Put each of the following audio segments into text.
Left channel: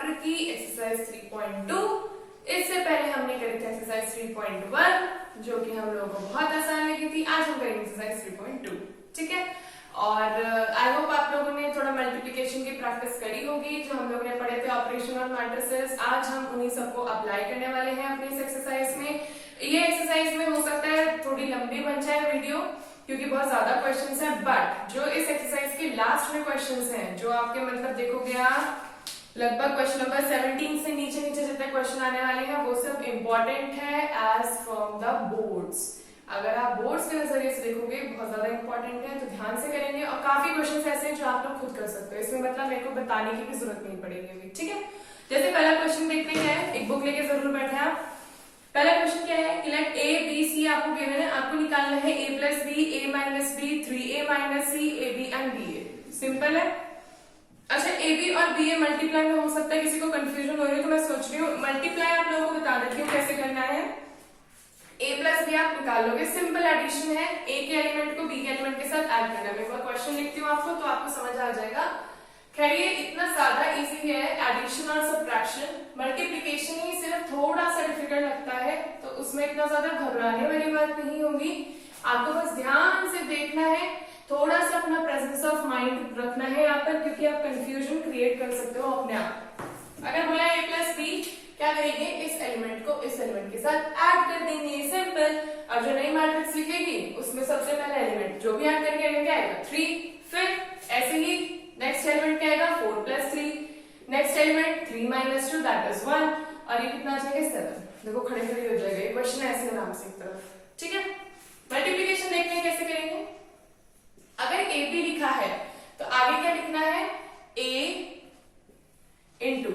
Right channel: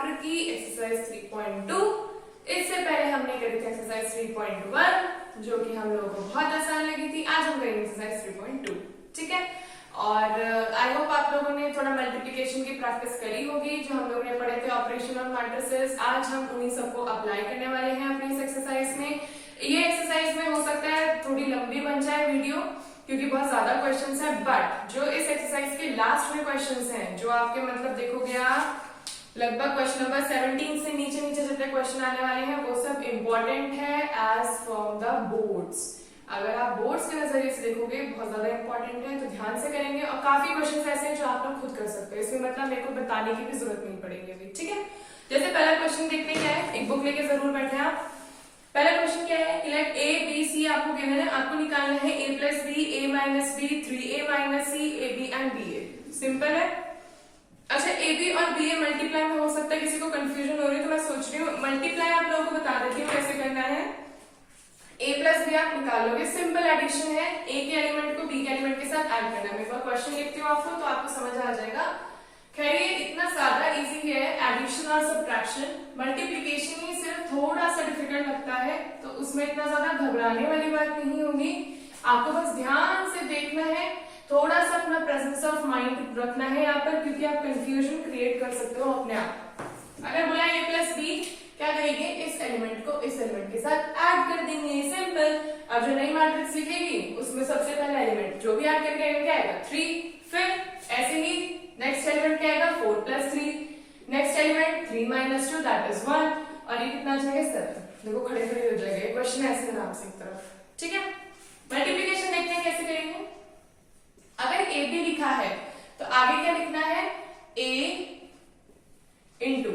Chapter की exercise 3.2। इससे पहले हमने करी थी एक्सरसाइज 3.1 जो कि हम लोगों को बहुत आसान लगी थी। आज हम करेंगे एक्सरसाइज 3.2, ठीक है। और आई होप आप लोगों ने थोड़ा मल्टीप्लिकेशन की प्रैक्टिस करी होगी जो हम लोग ने पढ़े थे ऑपरेशन ऑन मैट्रिसेस। आज हम उन्हीं सबको अप्लाई करने वाले हैं अपनी इस एक्सरसाइज में। ये एक्सरसाइज में हो सकता है थोड़ी लंबी बन जाए वीडियो क्योंकि बहुत ज्यादा क्वेश्चंस हैं, बट जो इस एक्सरसाइज के लास्ट में क्वेश्चंस हैं जो आपके मतलब देखोगे आप लगभग क्वेश्चन नंबर 17 से नीचे नीचे जितने क्वेश्चन आने वाले हैं वो सब इंपॉर्टेंट है एज फ्रॉम द बोर्ड्स। अगर आप बोर्ड्स के नजरिए से देखोगे बहुत ज्यादा इंपॉर्टेंट है, तो ध्यान से करेंगे। और काफी क्वेश्चंस ऐसे हैं जो आप लोग खुद कर सकते हो, इसमें मतलब मेरे को बताने की भी जरूरत नहीं पड़ेगी अभी, ठीक है। जैसे पहला क्वेश्चन देखते क्या है, एक बुक लेके जरूर बैठे आप। पहला क्वेश्चन क्या है कि लाइक ए बी सी आपको गिवन है, आपको निकालना है A plus B, A minus B, 3a minus C, A B and B A. Simple है। अच्छा, ए बी और बी ए मल्टीप्लाई में हो सकता है किसी को कंफ्यूजन हो रही है, तो मैं सोच रही हूँ मल्टीप्लाई आप लोगों को बता देती हूँ कैसे करना है। ए प्लस बी आप निकाल लोगे, सिंपल एडिशन है। ए के एलिमेंट को बी के एलिमेंट के साथ ऐड करना है। मैं एक बार क्वेश्चन लिखती हूँ आपको तो आपको समझ आ जाएगा। खैर ये इतना ज्यादा इजी है एडिशन और सब्ट्रैक्शन। मल्टीप्लीकेशन ही सिर्फ थोड़ा सा डिफिकल्ट लगता है, तो उसमें इतना ज्यादा घबराने वाली बात नहीं होगी। आपको बस ध्यान से देखना है, थोड़ा सा अपना प्रेजेंस ऑफ माइंड रखना है यहाँ पर, क्योंकि आप कंफ्यूजन क्रिएट कर सकते हो अपने आप। अगर बोला ए प्लस बी, क्या करेंगे, इस एलिमेंट को इस एलिमेंट के साथ ऐड कर देंगे, सिंपल। अब जो नई मैट्रिक्स लिखेगी उसमें सबसे पहला एलिमेंट जो भी ऐड करके क्या आएगा 3, फिर ऐसे ही नेक्स्ट एलिमेंट क्या आएगा 4 plus 3, next element 3 minus 2 that is 1, और ये कितना आ जाएगा 7। देखो खड़े खड़े हो जाएगा, ये क्वेश्चन ऐसे आराम से एक तरफ, ठीक है। मल्टीप्लिकेशन देखते हैं कैसे करेंगे। अगर ए बी लिखा है तो आगे क्या लिखना है, ए इंटू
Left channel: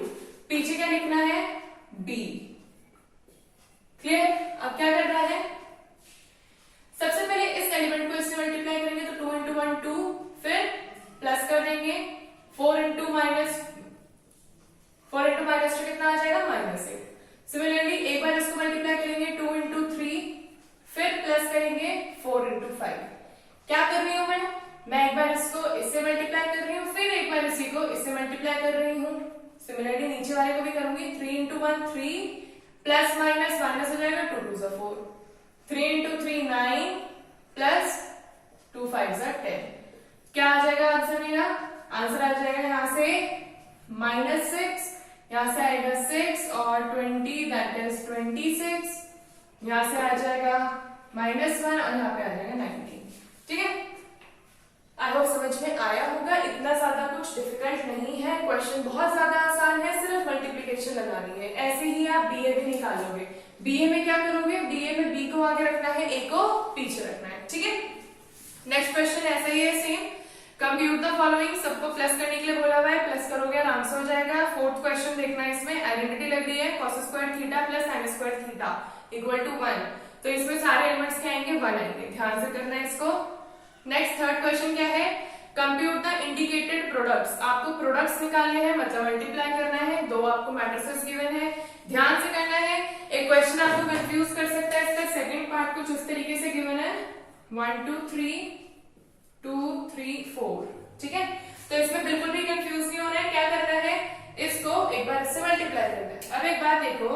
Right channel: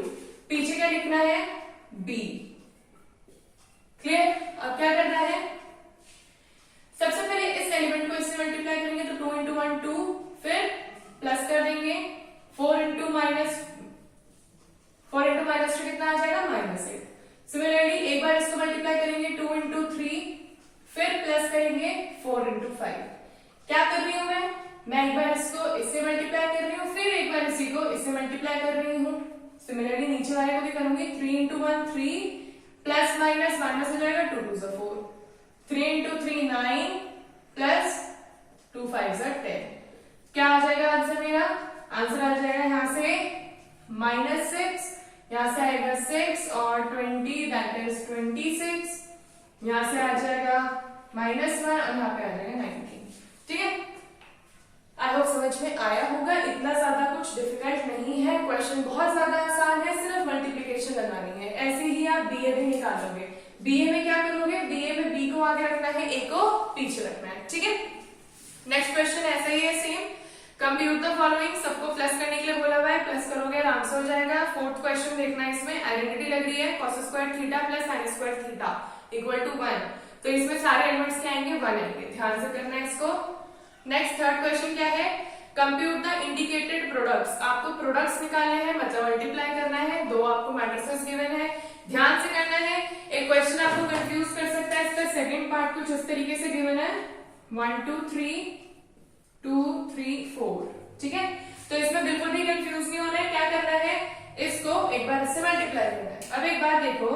पीछे क्या लिखना है बी। क्लियर। अब क्या करना है, सबसे पहले इस एलिमेंट को इससे मल्टीप्लाई करेंगे तो 2 इंटू 1 2, फिर प्लस कर देंगे 4 इंटू माइनस 2 कितना आ जाएगा -8। सिमिलरली एक बार इसको मल्टीप्लाई करेंगे 2 इंटू 3, फिर प्लस करेंगे 4 इंटू 5। क्या कर रही हूं मैं एक बार इसको इससे मल्टीप्लाई कर रही हूँ, फिर एक बार इसी को इससे मल्टीप्लाई कर रही हूँ। सिमिलरली नीचे वाले को भी करूंगी 3 इंटू 1 3, प्लस माइनस माइनस हो जाएगा 2 2 4, 3 इंटू 3 9, प्लस 2 5 10। क्या आ जाएगा आंसर मेरा, आंसर आ जाएगा यहाँ से -6, यहाँ से आएगा 6 और 20 दैट इज 26, यहाँ से आ जाएगा -1 और यहाँ पे आ जाएगा 19, ठीक है। आई होप समझ में आया होगा। इतना ज्यादा कुछ डिफिकल्ट नहीं है, क्वेश्चन बहुत ज्यादा आसान है, सिर्फ मल्टीप्लिकेशन लगानी है। ऐसे ही आप बीए भी निकालोगे। बीए में क्या करोगे, बीए में बी को आगे रखना है, ए को पीछे रखना है, ठीक है। नेक्स्ट क्वेश्चन ऐसा ही है सेम। कंप्यूट द फॉलोइंग, सबको प्लस करने के लिए बोला हुआ है, प्लस करोगे आराम से हो जाएगा। फोर्थ क्वेश्चन देखना है, इसमें आइडेंटिटी लग रही है cos square theta plus sin square theta equal to 1, तो इसमें सारे एलिमेंट्स क्या आएंगे 1 आएंगे, ध्यान से करना है इसको। नेक्स्ट थर्ड क्वेश्चन क्या है, कंप्यूट द इंडिकेटेड प्रोडक्ट्स। आपको प्रोडक्ट्स निकालने हैं, मतलब मल्टीप्लाई करना है। दो आपको मैट्रिसेस गिवन है, ध्यान से करना है। एक क्वेश्चन आपको कंफ्यूज कर सकता है, इसका सेकंड पार्ट कुछ इस तरीके से गिवन है 1 2 3 2 3 4, ठीक है। तो इसमें बिल्कुल भी कंफ्यूज नहीं होना है। क्या करना है, इसको एक बार इससे मल्टीप्लाई करना है। अब एक बार देखो,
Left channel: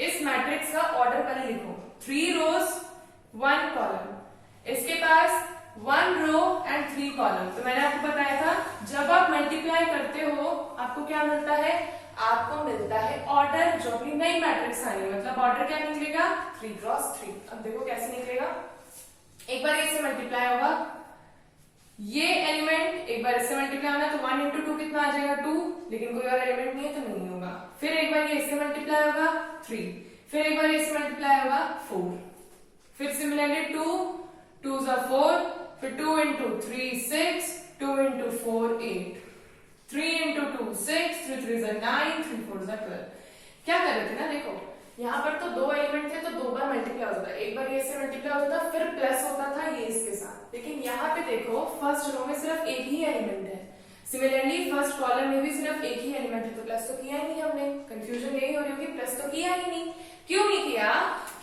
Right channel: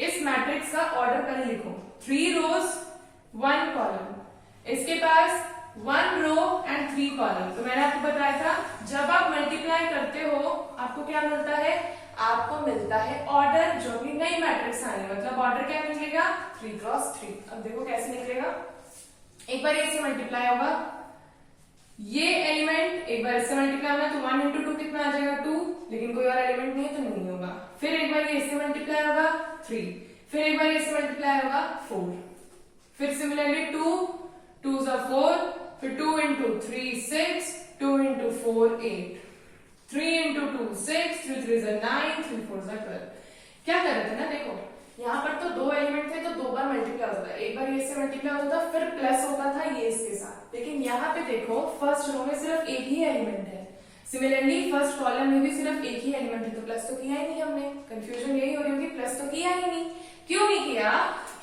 इस मैट्रिक्स का ऑर्डर पहले लिखो, 3 रोज 1 कॉलम, इसके पास 1 रो एंड 3 कॉलम। तो मैंने आपको बताया था जब आप मल्टीप्लाई करते हो आपको क्या मिलता है, आपको मिलता है ऑर्डर जो भी नई मैट्रिक्स आई है, मतलब ऑर्डर क्या निकलेगा 3 क्रॉस 3। अब देखो कैसे निकलेगा, एक बार इससे मल्टीप्लाई होगा, ये एलिमेंट एक बार इससे मल्टीप्लाई होगा तो 1 इंटू 2 कितना आ जाएगा 2, लेकिन कोई और एलिमेंट नहीं है तो नहीं होगा। फिर एक बार ये इससे मल्टीप्लाई होगा 3, फिर एक बार इससे मल्टीप्लाई होगा 4, फिर सिमिलरली 2 2s are 4, फिर 2 into 3 6, 2 into 4 8, 3 into 2 6, 3 3s are 9, 3 4s are 12। क्या कर रहे थे ना, देखो यहाँ पर तो 2 एलिमेंट थे तो 2 बार मल्टीप्लाई होता था, एक बार ये से मल्टीप्लाई होता था फिर प्लस होता था ये इसके साथ। लेकिन यहाँ पे देखो फर्स्ट रो में सिर्फ एक ही एलिमेंट है, सिमिलरली फर्स्ट कॉलम में भी सिर्फ एक ही एलिमेंट है, तो प्लस तो किया ही नहीं हमने। कंफ्यूजन यही हो रही होगी, प्लस तो किया ही नहीं। क्यों नहीं किया,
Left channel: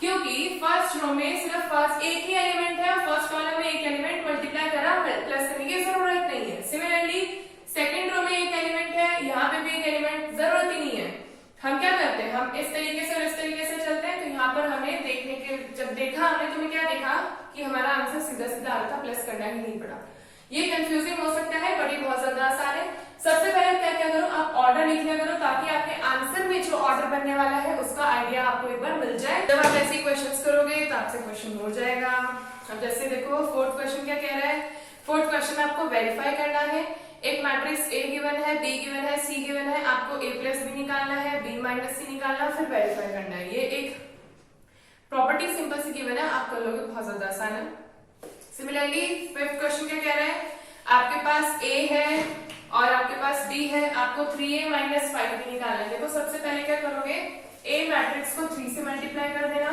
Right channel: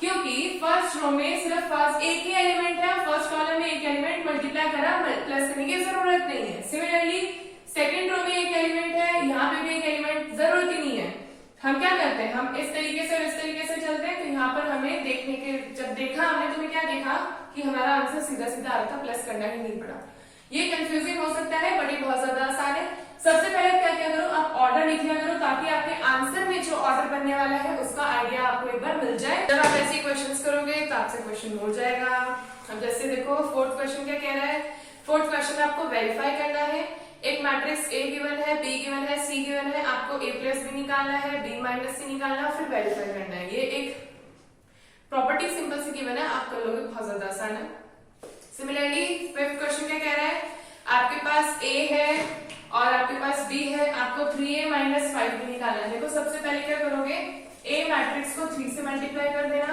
क्योंकि फर्स्ट रो में सिर्फ फर्स्ट एक ही एलिमेंट है, फर्स्ट कॉलम में एक एलिमेंट मल्टीप्लाई करा, प्लस करने की जरूरत नहीं है। सिमिलरली सेकंड रो में एक एलिमेंट है, यहाँ पे भी एक एलिमेंट, जरूरत ही नहीं है। हम क्या करते हैं, हम इस तरीके से और इस तरीके से चलते हैं। तो यहाँ पर हमें देखने के, जब देखा हमने, तुम्हें क्या देखा कि हमारा आंसर सीधा सीधा आ रहा था, प्लस करना ही नहीं पड़ा। ये कंफ्यूजिंग हो सकता है, बट ये बहुत ज्यादा आसान है। सबसे पहले क्या क्या करो, आप ऑर्डर लिख लिया करो, ताकि आपके आंसर में जो ऑर्डर बनने वाला है उसका आइडिया आपको एक बार मिल जाए। जब आप ऐसे क्वेश्चंस करोगे तो आपसे क्वेश्चन हो जाएगा। अब जैसे देखो फोर्थ क्वेश्चन क्या कह रहा है, फोर्थ क्वेश्चन आपको वेरीफाई करना है। एक मैट्रिक्स ए गिवन है, बी गिवन है, सी गिवन है, आपको ए प्लस बी निकालना है, बी माइनस सी निकालना है, फिर वेरीफाई करना है। ये एक प्रॉपर्टी सिंपल सी गिवन है, आप कर लोगे, बहुत ज्यादा आसान है। सिमिलरली फिफ्थ क्वेश्चन क्या कह रहा है, आपके पास ए है और आपके पास बी है, आपको 3a माइनस 5b निकालना है। देखो सबसे पहले क्या करोगे, ए मैट्रिक्स को 3 से मल्टीप्लाई कर देना,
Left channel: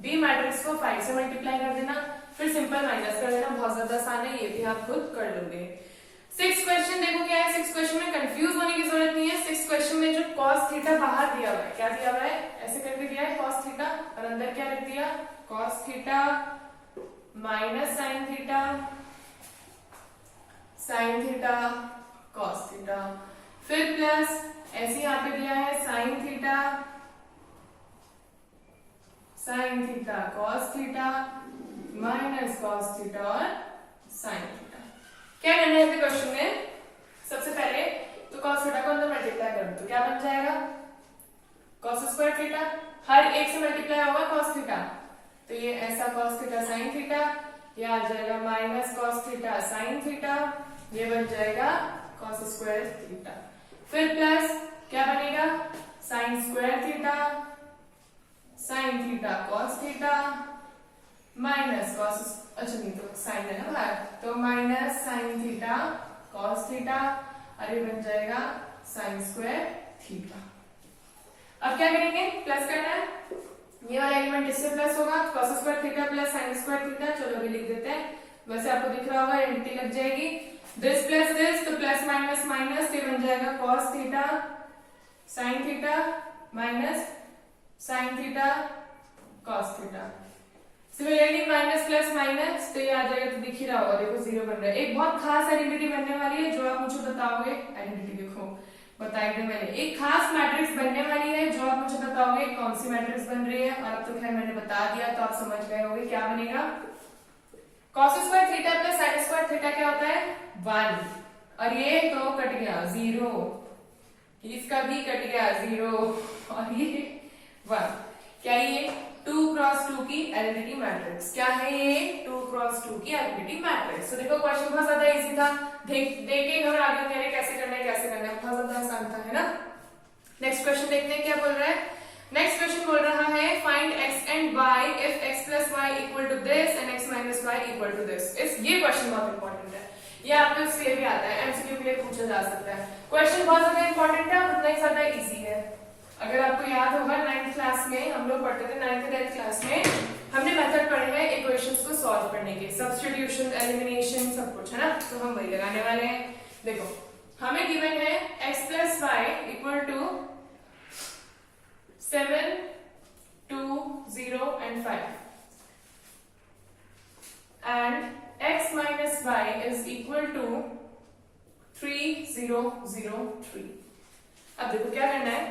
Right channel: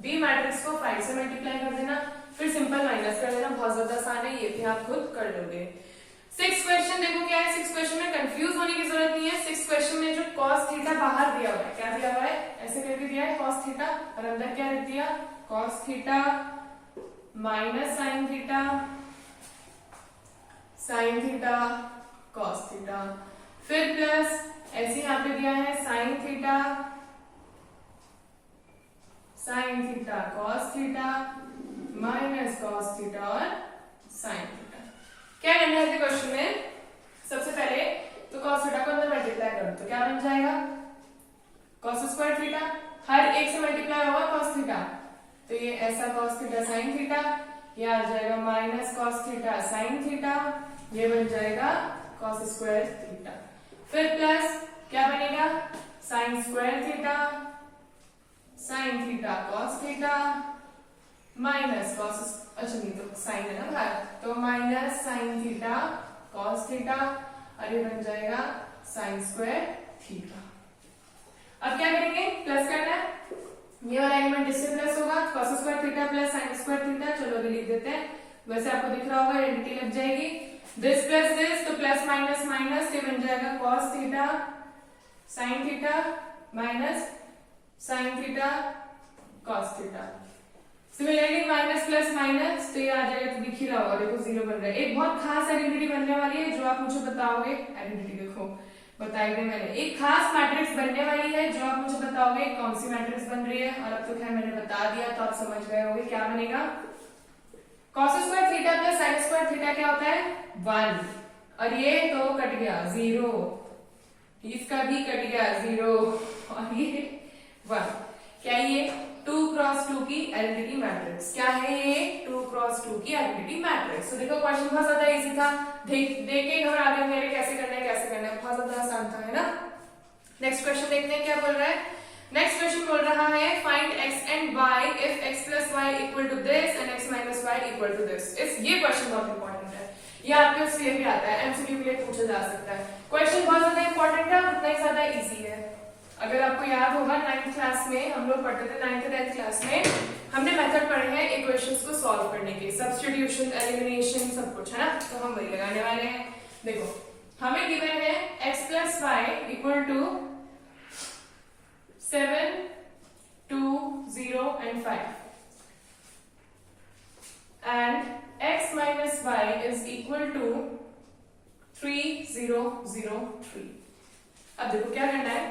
बी मैट्रिक्स को 5 से मल्टीप्लाई कर देना, फिर सिंपल माइनस कर देना। बहुत ज्यादा आसान है, ये भी आप खुद कर लोगे। सिक्स क्वेश्चन देखो क्या है, सिक्स क्वेश्चन में कंफ्यूज होने की जरूरत नहीं है। सिक्स क्वेश्चन में जो कॉस थीटा बाहर दिया हुआ है, क्या दिया हुआ है, ऐसे करके दिया है कॉस थीटा, और अंदर क्या लिख दिया, cos theta minus sine theta, sine theta cos theta, फिर प्लस ऐसे यहाँ पे दिया है sine theta, sine theta cos theta minus cos theta और साइन थीटा। क्या करना है क्वेश्चन में, सबसे पहले तो कॉस थीटा को अंदर मल्टीप्लाई करो तो क्या बन जाएगा, कॉस स्क्वायर थीटा, हर एक से मल्टीप्लाई होगा कॉस थीटा, तो ये ऐसा कॉस थीटा साइन थीटा, ये आ जाएगा minus cos theta sine theta, ये बन जाएगा कॉस स्क्वायर थीटा, फिर प्लस क्या बनेगा, sine square theta, sine theta cos theta minus cos, अच्छा नहीं तो साइन है ना बाहर, तो minus sine theta cos theta, और ये बन जाएगा साइन स्क्वायर थीटा। अब क्या करेंगे, प्लस करना है, ये वाला एलिमेंट इससे प्लस होगा, cos square theta plus sine square theta, चलो भी लिख देते हैं, वैसे आपको दिख रहा होगा आइडेंटिटी लग जाएगी, दिस प्लस दिस, तो प्लस माइनस माइनस, ये बन जाएगा cos theta sine theta minus sine theta cos theta. Similarly minus plus minus, तो ये आ जाएगा, तो दिख ही रहा होगा, देखो जीरो बन रहा है। एक बहुत खास आइडेंटिटी बनने वाली है जो आप मुझे बताओगे, आइडेंटिटी देखो बताई गई मैंने, एक खास मैट्रिक्स बनने वाली है जो आप मुझे बताओगे कौन सी मैट्रिक्स बन रही है, और अब तो खैर मैंने बता दिया तो आप समझ गए होंगे क्या बनेगा, cos square theta plus sine square theta क्या होता है 1, और ये तो कट गया 0, इसका भी कट गया 0, और ये 1, क्या ये 2 क्रॉस 2 की आइडेंटिटी मैट्रिक्स, क्या है ये 2 क्रॉस 2 की आइडेंटिटी मैट्रिक्स। तो देखो क्वेश्चन बहुत ज्यादा इजी था, देख के घर आगे होंगे कैसे करना है कैसे करना है, बहुत ज्यादा आसान था, है ना। नेक्स्ट क्वेश्चन देखते हैं क्या बोल रहा है, नेक्स्ट क्वेश्चन बोल रहा है find x and y if x plus y equal to this and x minus y equal to this. ये क्वेश्चन बहुत इंपॉर्टेंट है, ये आपके उसके लिए भी आता है, एमसीक्यू के लिए पूछा जा सकता है। क्वेश्चन बहुत ज्यादा इंपॉर्टेंट है, उतना ही ज्यादा इजी है। अगर आपको याद होगा 9th क्लास में हम लोग पढ़ते थे, 9th 10th क्लास में हमने मेथड पढ़े हैं इक्वेशंस को सॉल्व करने के, सब्स्टिट्यूशन, एलिमिनेशन, सब कुछ, है ना, तो हम वही लगाने वाले हैं। देखो हमें गिवन है x plus y equal to 7, 2, 0 and 5 and x minus y is equal to 3, 0, 0, 3। अब देखो क्या करना है,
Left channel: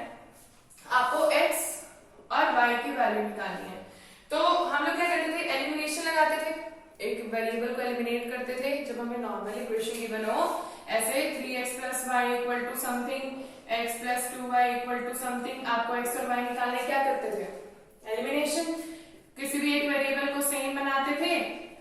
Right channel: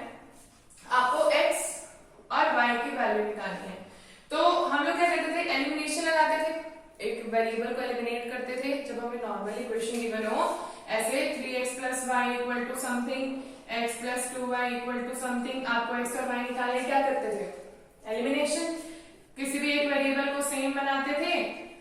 आपको x और y की वैल्यू निकालनी है। तो हम लोग क्या करते थे, एलिमिनेशन लगाते थे, एक वेरिएबल को एलिमिनेट करते थे जब हमें नॉर्मल इक्वेशन गिवन हो, ऐसे 3x plus y equal to something, x plus 2y equal to something, आपको x और y निकालने क्या करते थे, एलिमिनेशन, किसी भी एक वेरिएबल को सेम बनाते थे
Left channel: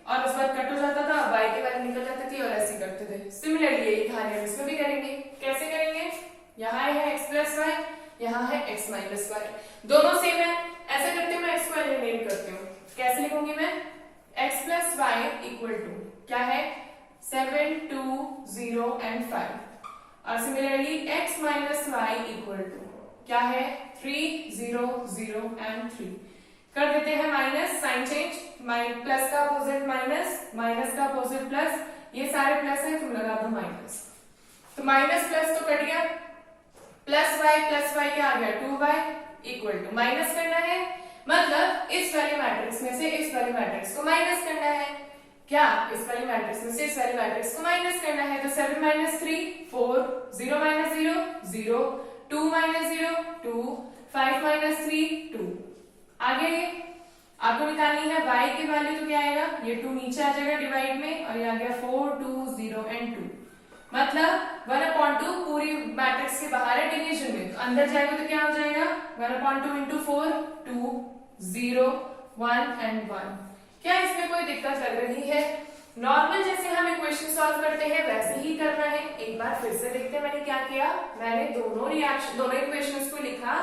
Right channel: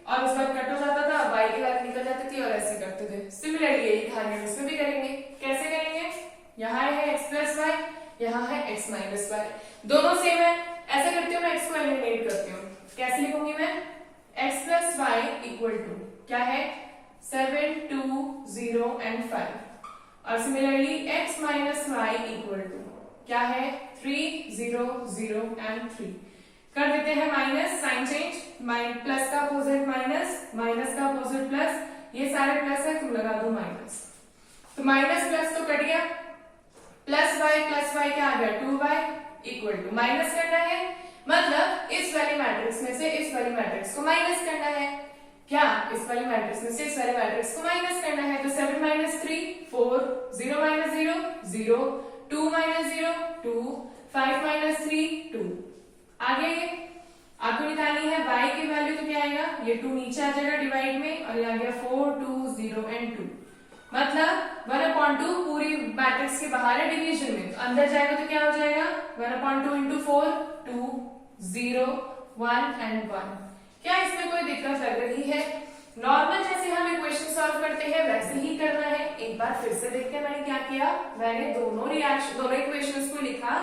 और उस बाद कट हो जाता था, y की वैल्यू निकल जाती थी और ऐसे करते थे। सिमिलरली यही कहानी हम इसमें भी करेंगे, कैसे करेंगे, यहाँ है x प्लस वाई, यहाँ है x माइनस वाई, दोनों सेम है, ऐसे करती हूँ मैं x को एलिमिनेट करती हूँ, कैसे लिखूंगी मैं, x plus y equal to क्या है 7, 2, 0 and 5, और similarly x minus y equal to क्या है 3, 0, 0 and 3। कर देते हैं माइनस, साइन चेंज, प्लस का अपोजिट माइनस, माइनस का अपोजिट प्लस, ये सारे प्लस है, तुम लगा दो माइनस, तो माइनस प्लस तो कट गया, प्लस वाई क्या आ गया 2y इक्वल टू, माइनस करना है, मतलब इस वाली मैट्रिक्स में से इस वाली मैट्रिक्स को माइनस करना है, क्या इस वाली मैट्रिक्स में से इस वाले मैट्रिक्स को माइनस करना है। तो 7 माइनस 3 4, 0 माइनस 0 0, 2 माइनस 0 2, 5 माइनस 3 2। आगे ये आपको निकालनी है y की वैल्यू, तो क्या आएगा, ये 2 नीचे आ जाएगा डिवाइड में, और ये आ गया 4 2 0 एंड 2, मतलब 1/2 पूरी मैट्रिक्स के बाहर है डिवीजन में, तो अंदर जाएगा तो क्या हो जाएगा 1/2 इंटू 4 2 0 1 एंड 1। क्या इसमें कोई दिक्कत लग रही है? नॉर्मल जैसे हम इक्वेशन सॉल्व करते हैं वैसे ही करना है। एक बार फिर से देखते हैं मैंने क्या किया। मैंने दोनों इक्वेशंस को लिखा,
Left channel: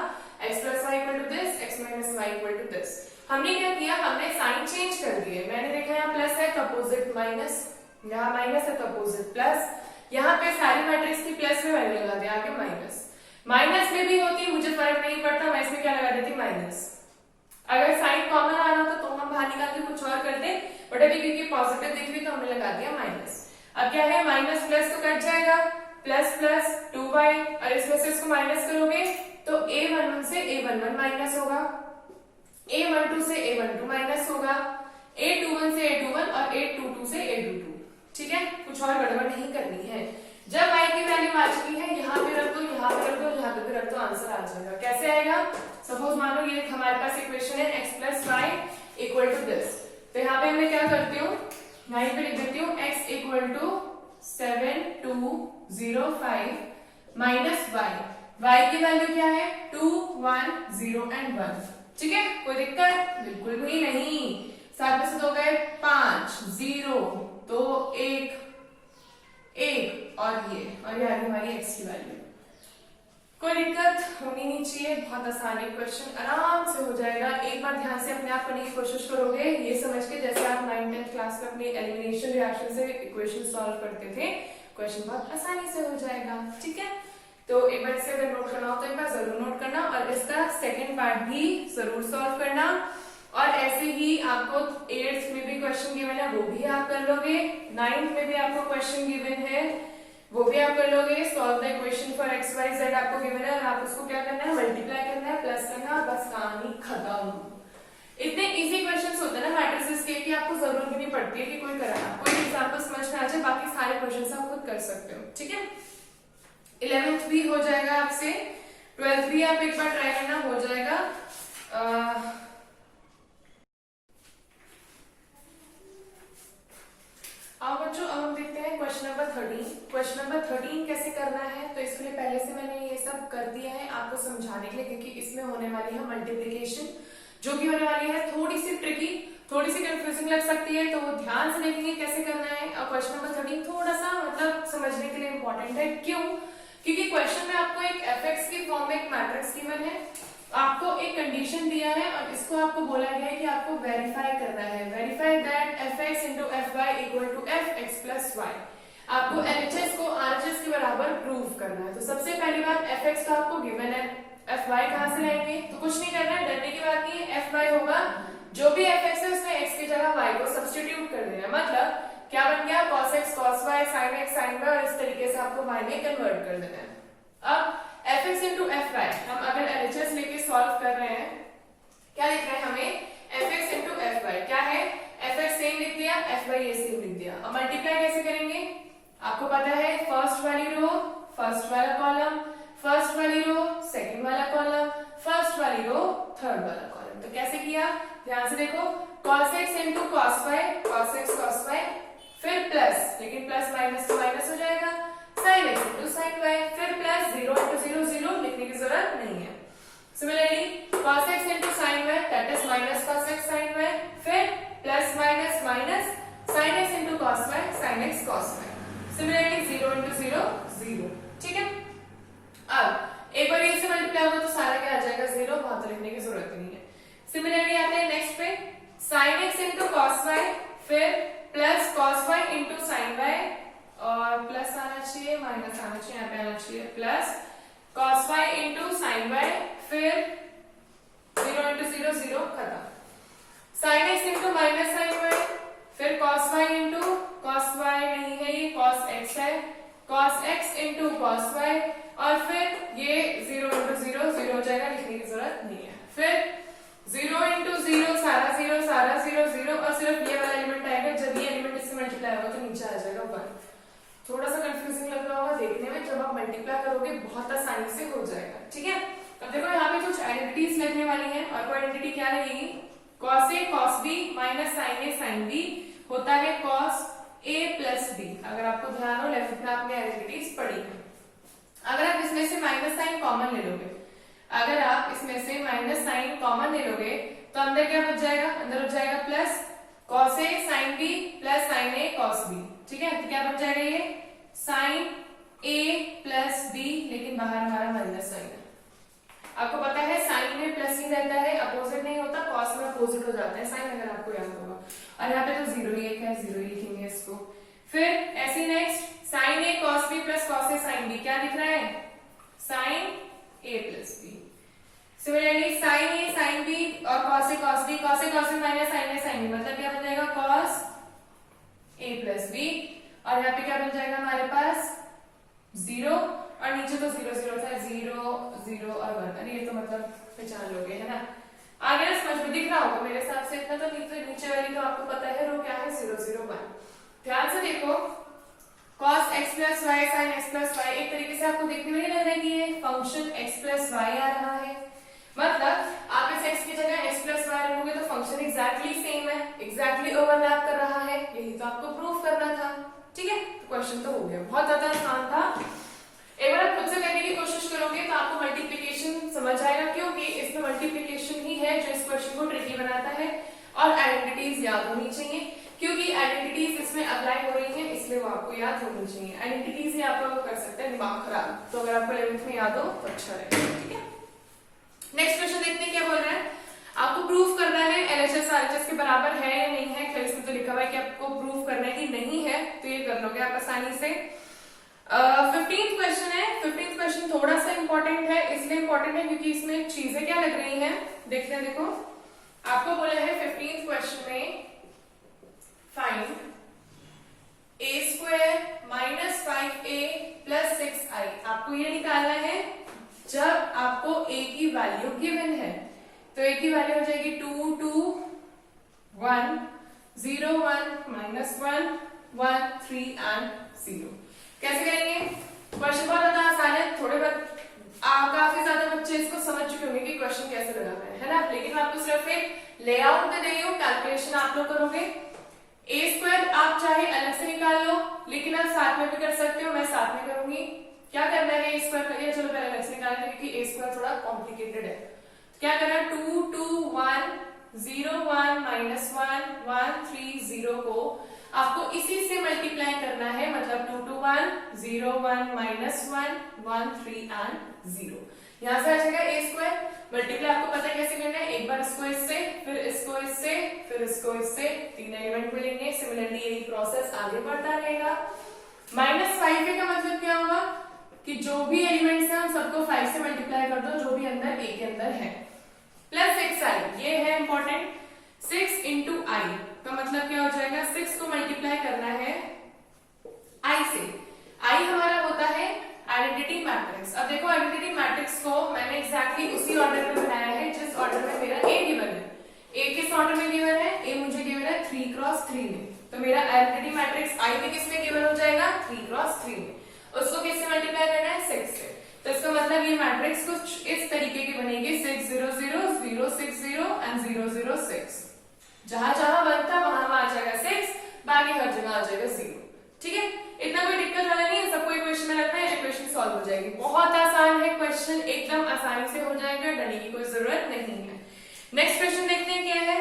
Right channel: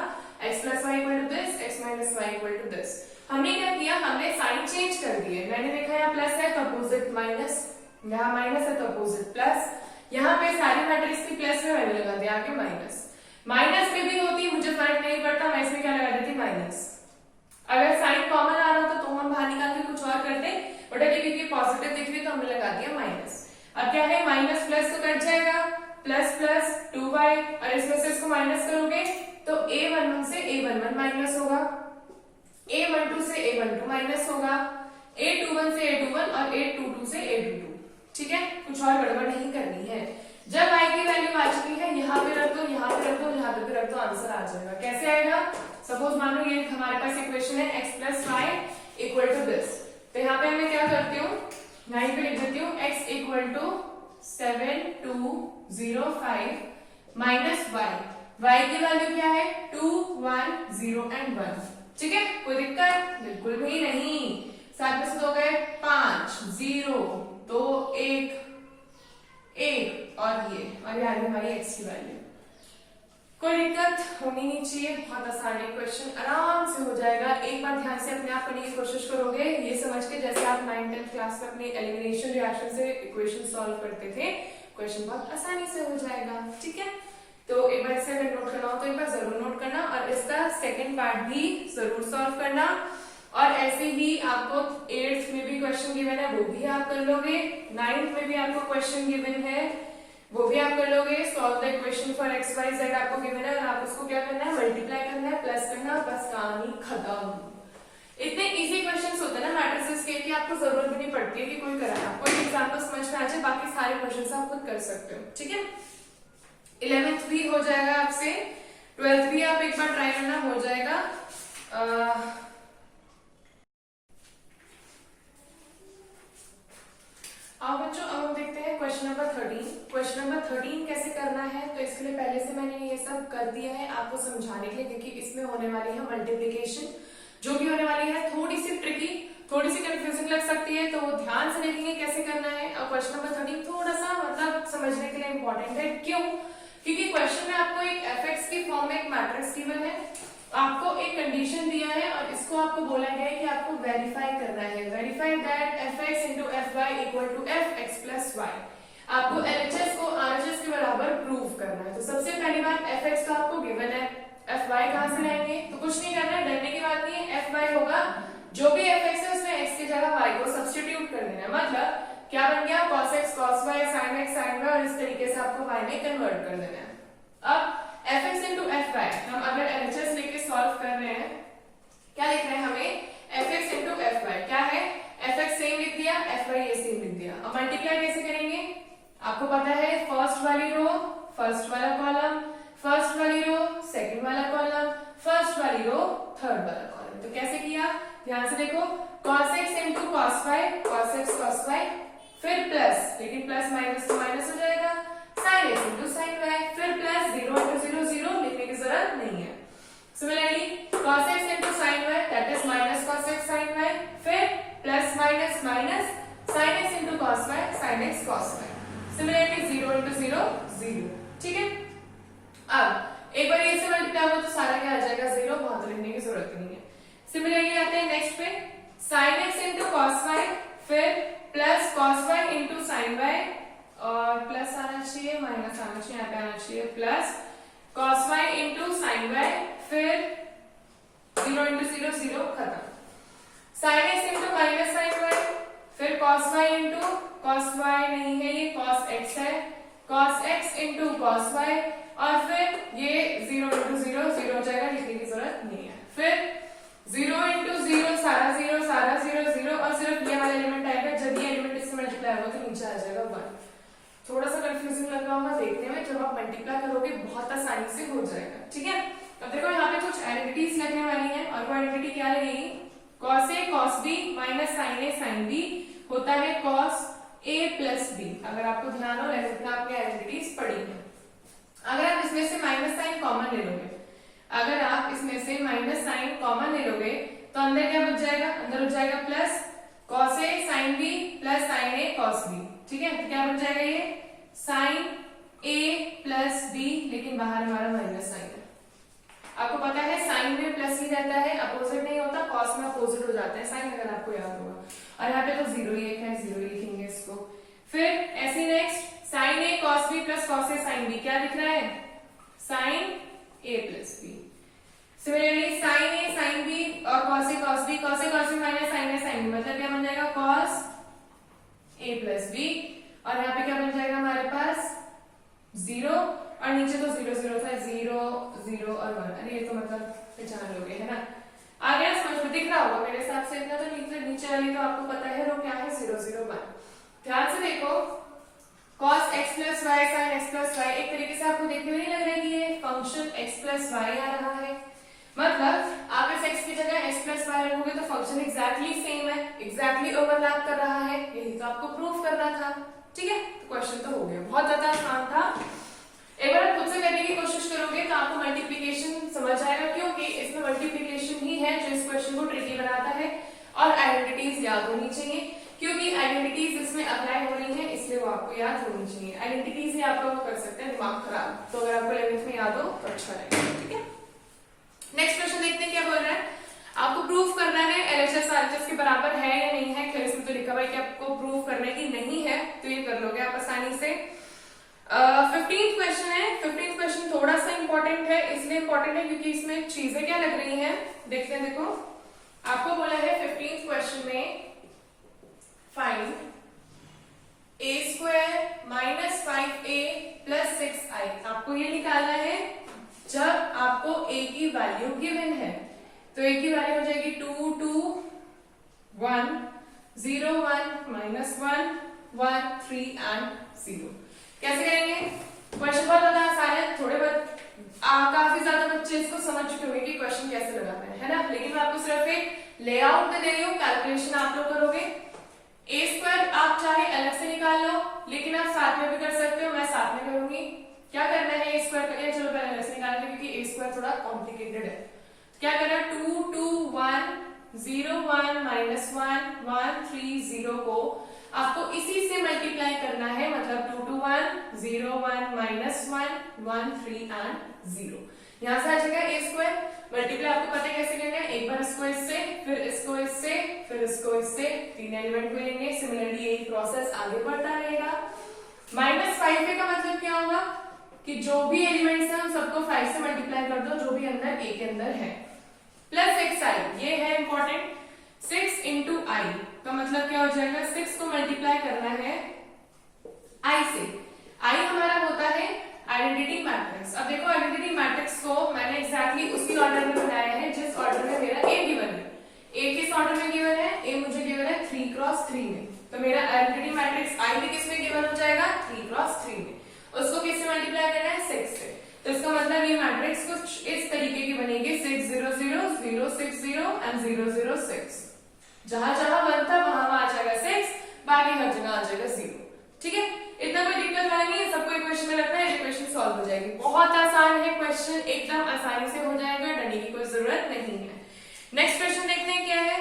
x plus y equal to this, x minus y equal to this. हमने क्या किया, हमने साइन चेंज कर दिए। मैंने देखा यहाँ प्लस है तो अपोजिट माइनस, यहाँ माइनस है तो अपोजिट प्लस, यहाँ पे सारी मैट्रिक्स की प्लस में मैंने लगा दिया आगे माइनस। माइनस में भी होती मुझे फर्क नहीं पड़ता, मैं इसमें क्या लगा देती माइनस। अगर साइन कॉमन आ रहा होता तो हम बाहर निकाल के कुछ और करते, बट अभी क्योंकि पॉजिटिव दिख रही तो हमने लगा दिया माइनस। अब क्या है, माइनस प्लस तो कट जाएगा, प्लस प्लस 2y, और इसमें से इसको माइनस करोगे तो a11 से a11 माइनस होगा, a12 से a12 माइनस होगा, a21 से a21 और a22 से a22। ठीक है, कुछ और गड़बड़ नहीं करनी है। जब y की वैल्यू आ चुकी है, यहाँ पे रख दो, यहाँ पे रख दो, यहाँ पे रख दो, आंसर आ जाएगा। कैसे आएगा? सपोज मान लो ये हमारे पास इक्वेशन है x plus y equal to this, तो यहाँ पे मैं क्या करती हूँ, यहीं पे लिख देती हूँ x equal to 7 2 0 5 minus y की वैल्यू क्या है 2 1 0 एंड 1। ठीक है, कोई दिक्कत बिल्कुल भी नहीं। 7 में से 2 गए 5 0 2 1 और ये आ गई हमारी x की वैल्यू। कोई दिक्कत होनी नहीं चाहिए, बहुत आसान है क्वेश्चन, आराम से हो जाएगा। एक बार ध्यान से अपने आप करने की कोशिश करोगे, ये समझ के जैसे आप 9th-10th क्लास में अपने एलिमिनेशन रिएक्शन से इक्वेशन सॉल्व करते थे, क्वेश्चन बहुत आसानी से हो जाएगा। ठीक है, तो एक बार इसे अगर नोट करना हो तो एक बार जरूर नोट करना, और इसका सेकेंड पार्ट भी जरूर सॉल्व करना। और ऐसे ही आपको 8th में भी क्वेश्चन गिवन है, वो भी आप कर लोगे। 9th में भी आपको क्वेश्चन गिवन है, वो भी आप कर लोगे। Solve the equation for x y z आपको गिवन है, और आप उसको क्या करना है, मल्टीप्लाई करना है, प्लस करना है, बस कहानी खत्म। इतने इजी क्वेश्चंस होते हैं ना मैट्रिसेस के कि आपको जरूरत भी नहीं पड़ती है कि कोई कराए, आपको एक एग्जांपल समझ में आ जाए, बाकी सारे क्वेश्चंस आप खुद कर सकते हो। ठीक है, 11th भी हो जाएगा आपसे, 12th भी आप एक बार ट्राई करना, हो जाएगा। अब बच्चों अब हम देखते हैं क्वेश्चन नंबर 13। क्वेश्चन नंबर 13 कैसे करना है, तो इसके लिए पहले से मैंने ये सब कर दिया है आपको समझाने के लिए, क्योंकि इसमें होने वाली है मल्टीप्लिकेशन, जो भी होने वाली है थोड़ी सी ट्रिकी, थोड़ी सी कंफ्यूजिंग लग सकती है, तो ध्यान से देखेंगे कैसे करना है। और क्वेश्चन नंबर 13 थोड़ा सा मतलब समझने के लिए इंपॉर्टेंट है। क्यों? क्योंकि क्वेश्चन में आपको एक एफ की फॉर्म में एक मैट्रिक्स गिवन है, आपको एक कंडीशन दिया है, और इसको आपको बोला गया है कि आपको वेरीफाई करना है। Verify that fx into f y equal to f x plus y. आपको LHS को RHS के बराबर प्रूव करना है। तो सबसे पहली बार fx का आपको गिवन है, fy कहां से लाएंगे, तो कुछ नहीं करना है, डरने की बात नहीं है। fy होगा जो भी fx है उसमें x की जगह y को सब्स्टिट्यूट कर देना है, मतलब क्या बन गया cos x cos y sin x sin y, और इस तरीके से आपको y में कन्वर्ट कर देना है। अब fx इंटू एफ वाई हम अगर LHS लेके सॉल्व कर रहे हैं, क्या लिख रहे हैं हमें, fx इंटू एफ वाई क्या है, fx सेम लिख दिया, fy ये सेम लिख दिया। अब मल्टीप्लाई कैसे करेंगे, आपको पता है फर्स्ट वाली रो फर्स्ट वाला कॉलम, फर्स्ट वाली रो सेकंड वाला कॉलम, फर्स्ट वाली रो थर्ड वाला कॉलम। तो कैसे किया, ध्यान से देखो, cos x into cos y cos x cos y, फिर प्लस, लेकिन प्लस माइनस तो माइनस हो जाएगा, sin x into sin y, फिर प्लस 0 इंटू 0 0, लिखने की जरूरत नहीं है। Similarly cos x into sin y that is minus cos x sin y, फिर plus minus minus sin x into cos y sin x cos y, similarly 0 into 0 0। ठीक है, अब एक बार ये से मल्टीप्लाई हो तो सारा क्या आ जाएगा 0, बहुत लिखने की जरूरत नहीं है। सिमिलरली आते हैं नेक्स्ट पे, sin x into cos y, फिर plus cos y into sin y, और प्लस आना चाहिए माइनस आना चाहिए, यहाँ पे आना चाहिए plus cos y into sin y, फिर 0 इंटू 0 0, खत्म। sin x into minus sin y, फिर cos y into cos y नहीं है, ये cos x है, cos x into cos y, और फिर ये 0 इंटू 0 0 हो जाएगा, लिखने की जरूरत नहीं है। फिर 0 इंटू 0 सारा 0 0, और सिर्फ ये वाला एलिमेंट आएगा जब ये एलिमेंट मल्टीप्लाई होगा तो नीचे आ जाएगा 1। थोड़ा सा कंफ्यूजिंग लग रहा होगा देखने में, जब आप मल्टीप्लाई करोगे बहुत आसानी से हो जाएगा। ठीक है, अब देखो यहाँ पे कुछ आइडेंटिटीज लगने वाली हैं, और वो आइडेंटिटी क्या लगेगी, cos a cos b minus sin a sin b होता है cos a प्लस b। अगर आपको ध्यान हो 11th में आपने आइडेंटिटीज पढ़ी है। अगर आप इसमें से माइनस साइन कॉमन ले लोगे, अगर आप इसमें से माइनस साइन कॉमन ले लोगे तो अंदर क्या बच जाएगा, अंदर हो जाएगा plus cos a sin b plus sin a cos b। ठीक है, तो क्या बन जाएगा ये sin a प्लस b, लेकिन बाहर हमारा माइनस साइन है। आपको पता है साइन में प्लस ही रहता है, अपोजिट नहीं होता, कॉस में अपोजिट हो जाता है साइन, अगर आपको याद होगा। और यहाँ पे तो जीरो ही है, जीरो ही लिखेंगे इसको। फिर ऐसे next sin a cos b plus cos a sin b, क्या दिख रहा है sin a plus b। Similarly sin a sin b और cos a cos b, cos a cos b minus sin a sin b, मतलब क्या बन जाएगा cos a plus b, और यहाँ पे क्या बन जाएगा हमारे पास जीरो, और नीचे तो जीरो जीरो था, जीरो जीरो और 1। अरे ये तो मतलब पहचान लोगे, है ना। आगे समझ में दिख रहा होगा मेरे हिसाब से इतना, तो नीचे वाली तो आपको पता है वो क्या है 0 0 1। ध्यान से देखो cos x plus y sin x plus y, एक तरीके से आपको देखते हुए नहीं लग रहा है कि ये फंक्शन x प्लस वाई आ रहा है, मतलब आप इस x की जगह x प्लस वाई रखोगे तो फंक्शन एग्जैक्टली सेम है, एग्जैक्टली ओवरलैप कर रहा है, यही तो आपको प्रूफ करना था। ठीक है, तो क्वेश्चन तो हो गया, बहुत ज्यादा आसान था। एक बार खुद से करने की कोशिश करोगे तो आपको मल्टीप्लिकेशन समझ आएगा, क्योंकि इसमें मल्टीप्लिकेशन ही है जो इस क्वेश्चन को ट्रिकी बनाता है, और आइडेंटिटीज याद होनी चाहिए, क्योंकि आइडेंटिटीज इसमें अप्लाई हो रही हैं, इसलिए वो आपको याद होनी चाहिए। आइडेंटिटीज ही आपको कर सकते हैं दिमाग खराब, तो अगर आपको 11th में याद हो तो अच्छा रहेगा। ठीक है, नेक्स्ट क्वेश्चन देखते हैं क्या बोल रहा है। आपको प्रूफ करना है LHS RHS के बराबर है या नहीं है। खैर इसमें तो लिखा हुआ है कि आपको प्रूफ करना है कि नहीं है, तो ये कर लोगे आप आसानी से। 15th क्वेश्चन है। 15th क्वेश्चन थोड़ा सा इंपॉर्टेंट है, इसलिए इंपॉर्टेंट है क्योंकि इसमें चीजें क्या लग रही हैं, देखते हैं। देखो आपको बोला है 15th क्वेश्चन में find a square minus 5a plus 6i। आपको ये निकालना है जब आपको a की वैल्यू गिवन है, तो a की वैल्यू हो जाएगी 2 2 1 0 1 माइनस 1 1 3 एंड 0। कैसे करेंगे, क्वेश्चन बहुत ज्यादा आसान है, थोड़े बहुत काफी ज्यादा बच्चे इसको समझ चुके होंगे कि क्वेश्चन कैसे लगाना है ना, लेकिन मैं आपको सिर्फ एक लेआउट दे रही हूँ, कैलकुलेशन आप लोग करोगे। a स्क्वायर आप चाहे अलग से निकाल लो, लेकिन आप साथ में भी कर सकते हो, मैं साथ में करूंगी। क्या करना है, a स्क्वायर करिए, चलो पहले अलग से निकालेंगे क्योंकि a स्क्वायर थोड़ा कॉम्प्लिकेटेड है। क्या करना है, 2 2 1 0 1 माइनस 1 1 3 0 को आपको इसी से मल्टीप्लाई करना है, मतलब 2 2 1 0 1 माइनस 1 1 3 एंड 0। यहां से आ जाएगा a स्क्वायर। मल्टीप्लाई आपको पता है कैसे करना है, एक बार इसको इससे, फिर इसको इससे, फिर इसको इससे, 3 एलिमेंट मिलेंगे। सिमिलरली यही प्रोसेस आगे बढ़ता रहेगा। माइनस 5 का मतलब क्या होगा कि जो भी एलिमेंट्स हैं उन सबको 5 से मल्टीप्लाई कर दो, जो भी अंदर a के अंदर है, प्लस 6i, ये है इंपॉर्टेंट। 6 इंटू i का मतलब क्या हो जाएगा, 6 को मल्टीप्लाई करना है i से। i हमारा होता है आइडेंटिटी मैट्रिक्स। अब देखो आइडेंटिटी मैट्रिक्स को मैंने एग्जैक्टली उसी ऑर्डर में बनाया है जिस ऑर्डर में मेरा a गिवन है। a किस ऑर्डर में गिवन है, a मुझे गिवन है 3 क्रॉस 3 में, तो मेरा आइडेंटिटी मैट्रिक्स i भी किसमें गिवन हो जाएगा, 3 क्रॉस 3 में। उसको किससे मल्टीप्लाई करना है, 6 से। तो इसका मतलब ये मैट्रिक्स कुछ इस तरीके की बनेगी, 6 0 0 0 6 0 एंड 0 0 6। जहां जहां 1 था वहां वहां आ जाएगा 6, बाकी हर जगह आ जाएगा 0। ठीक है, इतना कोई दिक्कत वाला नहीं है, सबको इक्वेशन में रखना है, इक्वेशन सॉल्व हो जाएगी। बहुत आसान है क्वेश्चन, एकदम आसानी से हो जाएगा, डरने की कोई जरूरत नहीं है। नेक्स्ट क्वेश्चन देखते हैं क्या है।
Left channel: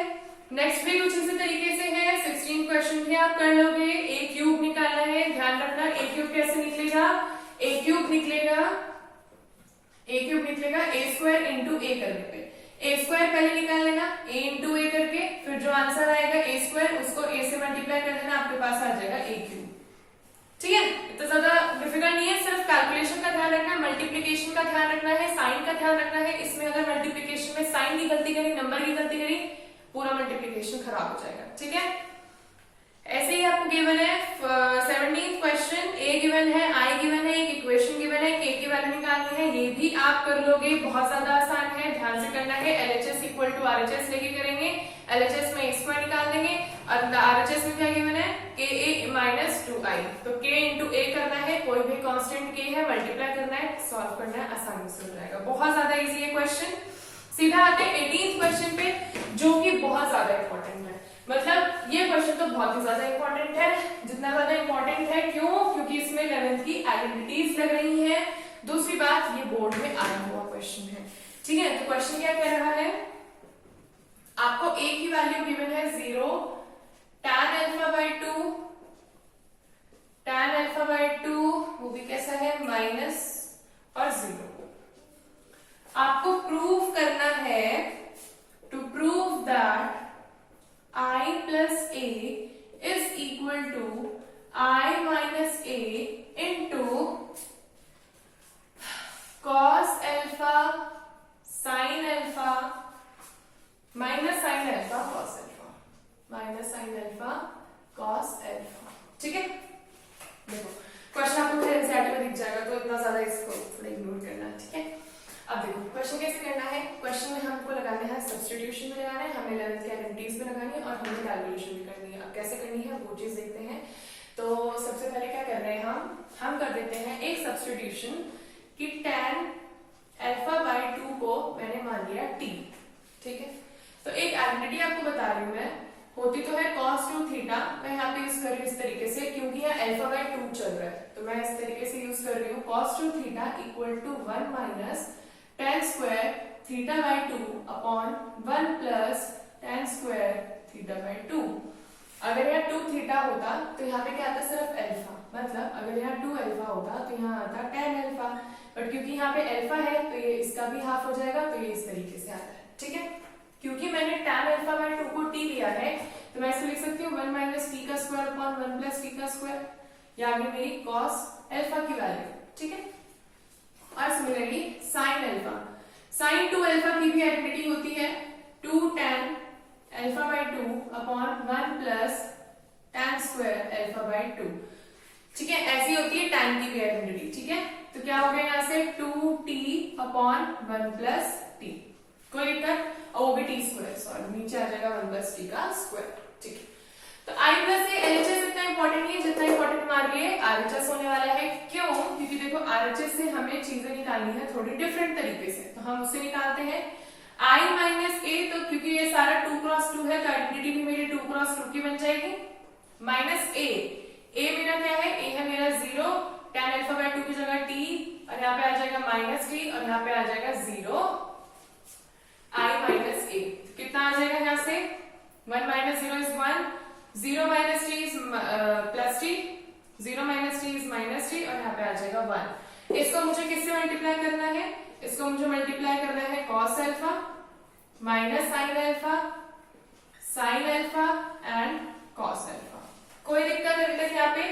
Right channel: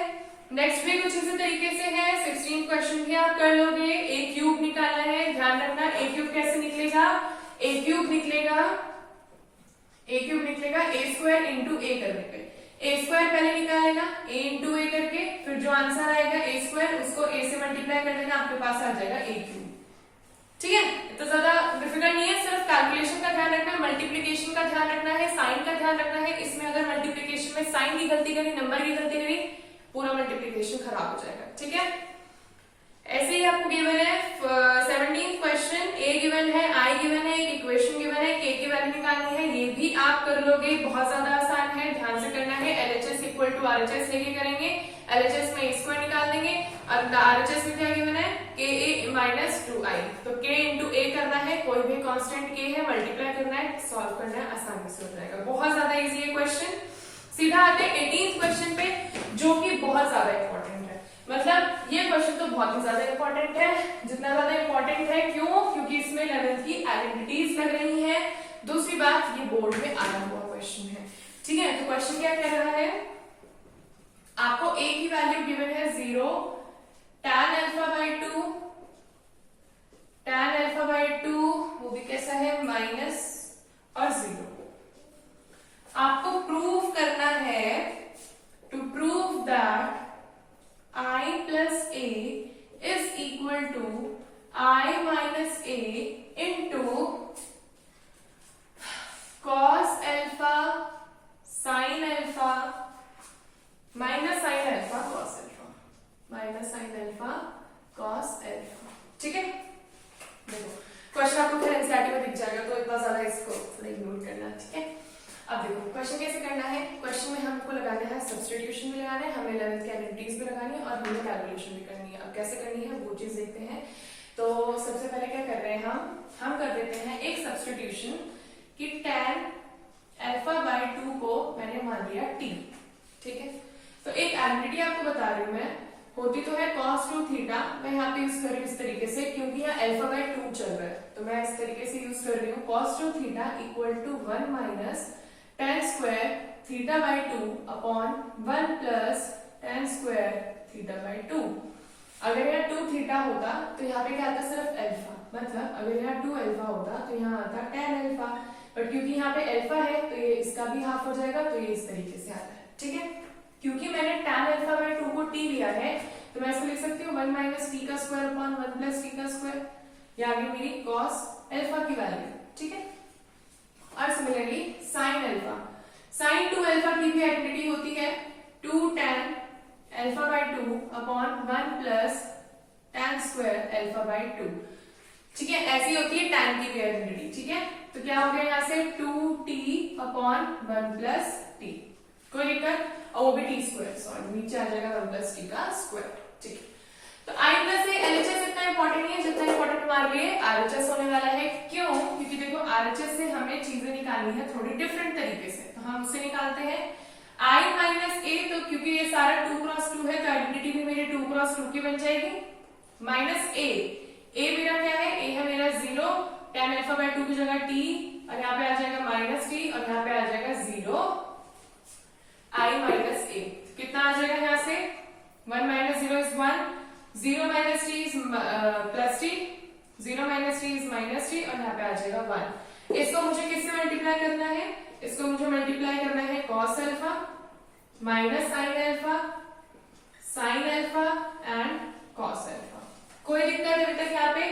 नेक्स्ट भी कुछ इसी तरीके से है। 16 क्वेश्चन भी आप कर लोगे। a क्यूब निकालना है, ध्यान रखना a क्यूब कैसे निकलेगा, a क्यूब निकलेगा a स्क्वायर इंटू a करने पे। a स्क्वायर पहले निकाल लेना, a इंटू a करके, फिर जो आंसर आएगा a स्क्वायर उसको a से मल्टीप्लाई कर देना, आपके पास आ जाएगा a क्यूब। ठीक है, तो ज्यादा डिफिकल्ट नहीं है, सिर्फ कैलकुलेशन का ध्यान रखना है, मल्टीप्लिकेशन का ध्यान रखना है, साइन का ध्यान रखना है। इसमें अगर मल्टीप्लिकेशन में साइन की गलती करी, नंबर की गलती करी, पूरा मल्टीप्लिकेशन खराब हो जाएगा। ठीक है, ऐसे ही आपको गिवन है 17th क्वेश्चन, a गिवन है, i गिवन है, एक इक्वेशन गिवन है, k की वैल्यू निकालनी है। ये भी आप कर लोगे, बहुत ज्यादा आसान है, ध्यान से करना है। LHS इक्वल टू RHS लेके करेंगे, LHS में a स्क्वायर निकाल देंगे और आरएचएस में क्या गिवन है, के ए माइनस 2i, तो k इंटू ए करना है, कोई भी कांस्टेंट k है, मल्टीप्लाई करना है, सॉल्व करना है, आसानी से हो जाएगा। बहुत ज्यादा इजी है क्वेश्चन। सीधा आते हैं 18th क्वेश्चन पे, जो कि बहुत ज्यादा इंपॉर्टेंट है। मतलब ये क्वेश्चन तो बहुत ही ज्यादा इंपॉर्टेंट है। जितना ज्यादा इंपॉर्टेंट है, क्यों? क्योंकि इसमें 11th की आइडेंटिटीज लग रही है। दूसरी बात, ये बोर्ड में आया हुआ क्वेश्चन है, ठीक है। तो क्वेश्चन क्या कह रहा है, आपको a की वैल्यू गिवन है 0, tan alpha by 2, tan alpha by 2 वो भी कैसा है, माइनस और 0। आपको प्रूव करना है, to prove that i plus a is equal to i minus a into cos alpha sin alpha minus sin alpha cos alpha, minus sin alpha cos alpha, ठीक है। देखो क्वेश्चन आपको फिर एनसीईआरटी में दिख जाएगा, तो इतना ज्यादा इसको थोड़ा इग्नोर करना, ठीक है। अब देखो क्वेश्चन कैसे करना है। क्वेश्चन में हमको लगाना है सब्स्टिट्यूशन भी लगाना है, हमें 11th की आइडेंटिटीज भी लगानी है और हमें कैलकुलेशन भी करनी है। अब कैसे करनी है वो चीज देखते हैं। तो सबसे पहले क्या कर रहे हैं हम कर देते हैं एक सब्स्टिट्यूशन कि tan अल्फा बाई 2 को मैंने मान लिया t, ठीक है। तो एक आइडेंटिटी आपको बता रही हूँ मैं, होती तो है cos 2 थीटा, मैं यहाँ पे यूज कर रही हूँ इस तरीके से, क्योंकि यहाँ अल्फा बाई 2 चल रहा है, तो मैं इस तरीके से यूज कर रही हूँ cos 2 theta equal to 1 minus tan square theta by 2 upon 1 plus tan square theta by 2। अगर यहाँ 2 थीटा होता तो यहाँ पे क्या आता, सिर्फ अल्फा, मतलब अगर यहाँ 2 अल्फा होता तो यहाँ आता tan अल्फा, बट क्योंकि यहाँ पे अल्फा है तो ये इसका भी हाफ हो जाएगा, तो ये इस तरीके से आता है, ठीक है। क्योंकि मैंने tan अल्फा बाई 2 को t लिया है, तो मैं इसको लिख सकती हूँ 1 माइनस टी का स्क्वायर अपॉन 1 प्लस टी का स्क्वायर, ये आ गई मेरी cos अल्फा की वैल्यू, ठीक है। और similarly sin alpha, sin 2 alpha की भी आइडेंटिटी होती है 2 tan alpha by 2 upon 1 plus tan square alpha by 2, ठीक है। ऐसी होती है tan की भी आइडेंटिटी, ठीक है। तो क्या हो गया यहाँ से 2t अपॉन 1 प्लस टी, कोई दिक्कत, और वो भी टी स्क्वायर, सॉरी नीचे आ जाएगा 1 प्लस टी का स्क्वायर, ठीक है। तो आई प्लस से एलएचएस इतना इंपॉर्टेंट नहीं है जितना इंपॉर्टेंट हमारे लिए आरएचएस होने वाला है। क्यों? क्योंकि देखो आरएचएस से हमें चीजें निकालनी है थोड़ी डिफरेंट तरीके से, तो हम उससे निकालते हैं आई माइनस ए। तो क्योंकि ये सारा 2 क्रॉस 2 है तो आइडेंटिटी भी मेरी 2 क्रॉस 2 की बन जाएगी, माइनस ए, ए मेरा क्या है, ए है मेरा 0, tan अल्फा बाई 2 की जगह t, और यहाँ पे आ जाएगा माइनस टी, और यहाँ पे आ जाएगा 0 आई माइनस ए। कितना आ जाएगा यहाँ से, 1 minus 0 is 1, 0 minus T is plus T, 0 minus T is minus T, और यहाँ पे आ जाएगा 1। इसको मुझे किससे मल्टीप्लाई करना है, इसको मुझे मल्टीप्लाई करना है cos alpha minus sin alpha and cos alpha. कोई दिक्कत अभी तक? यहाँ पे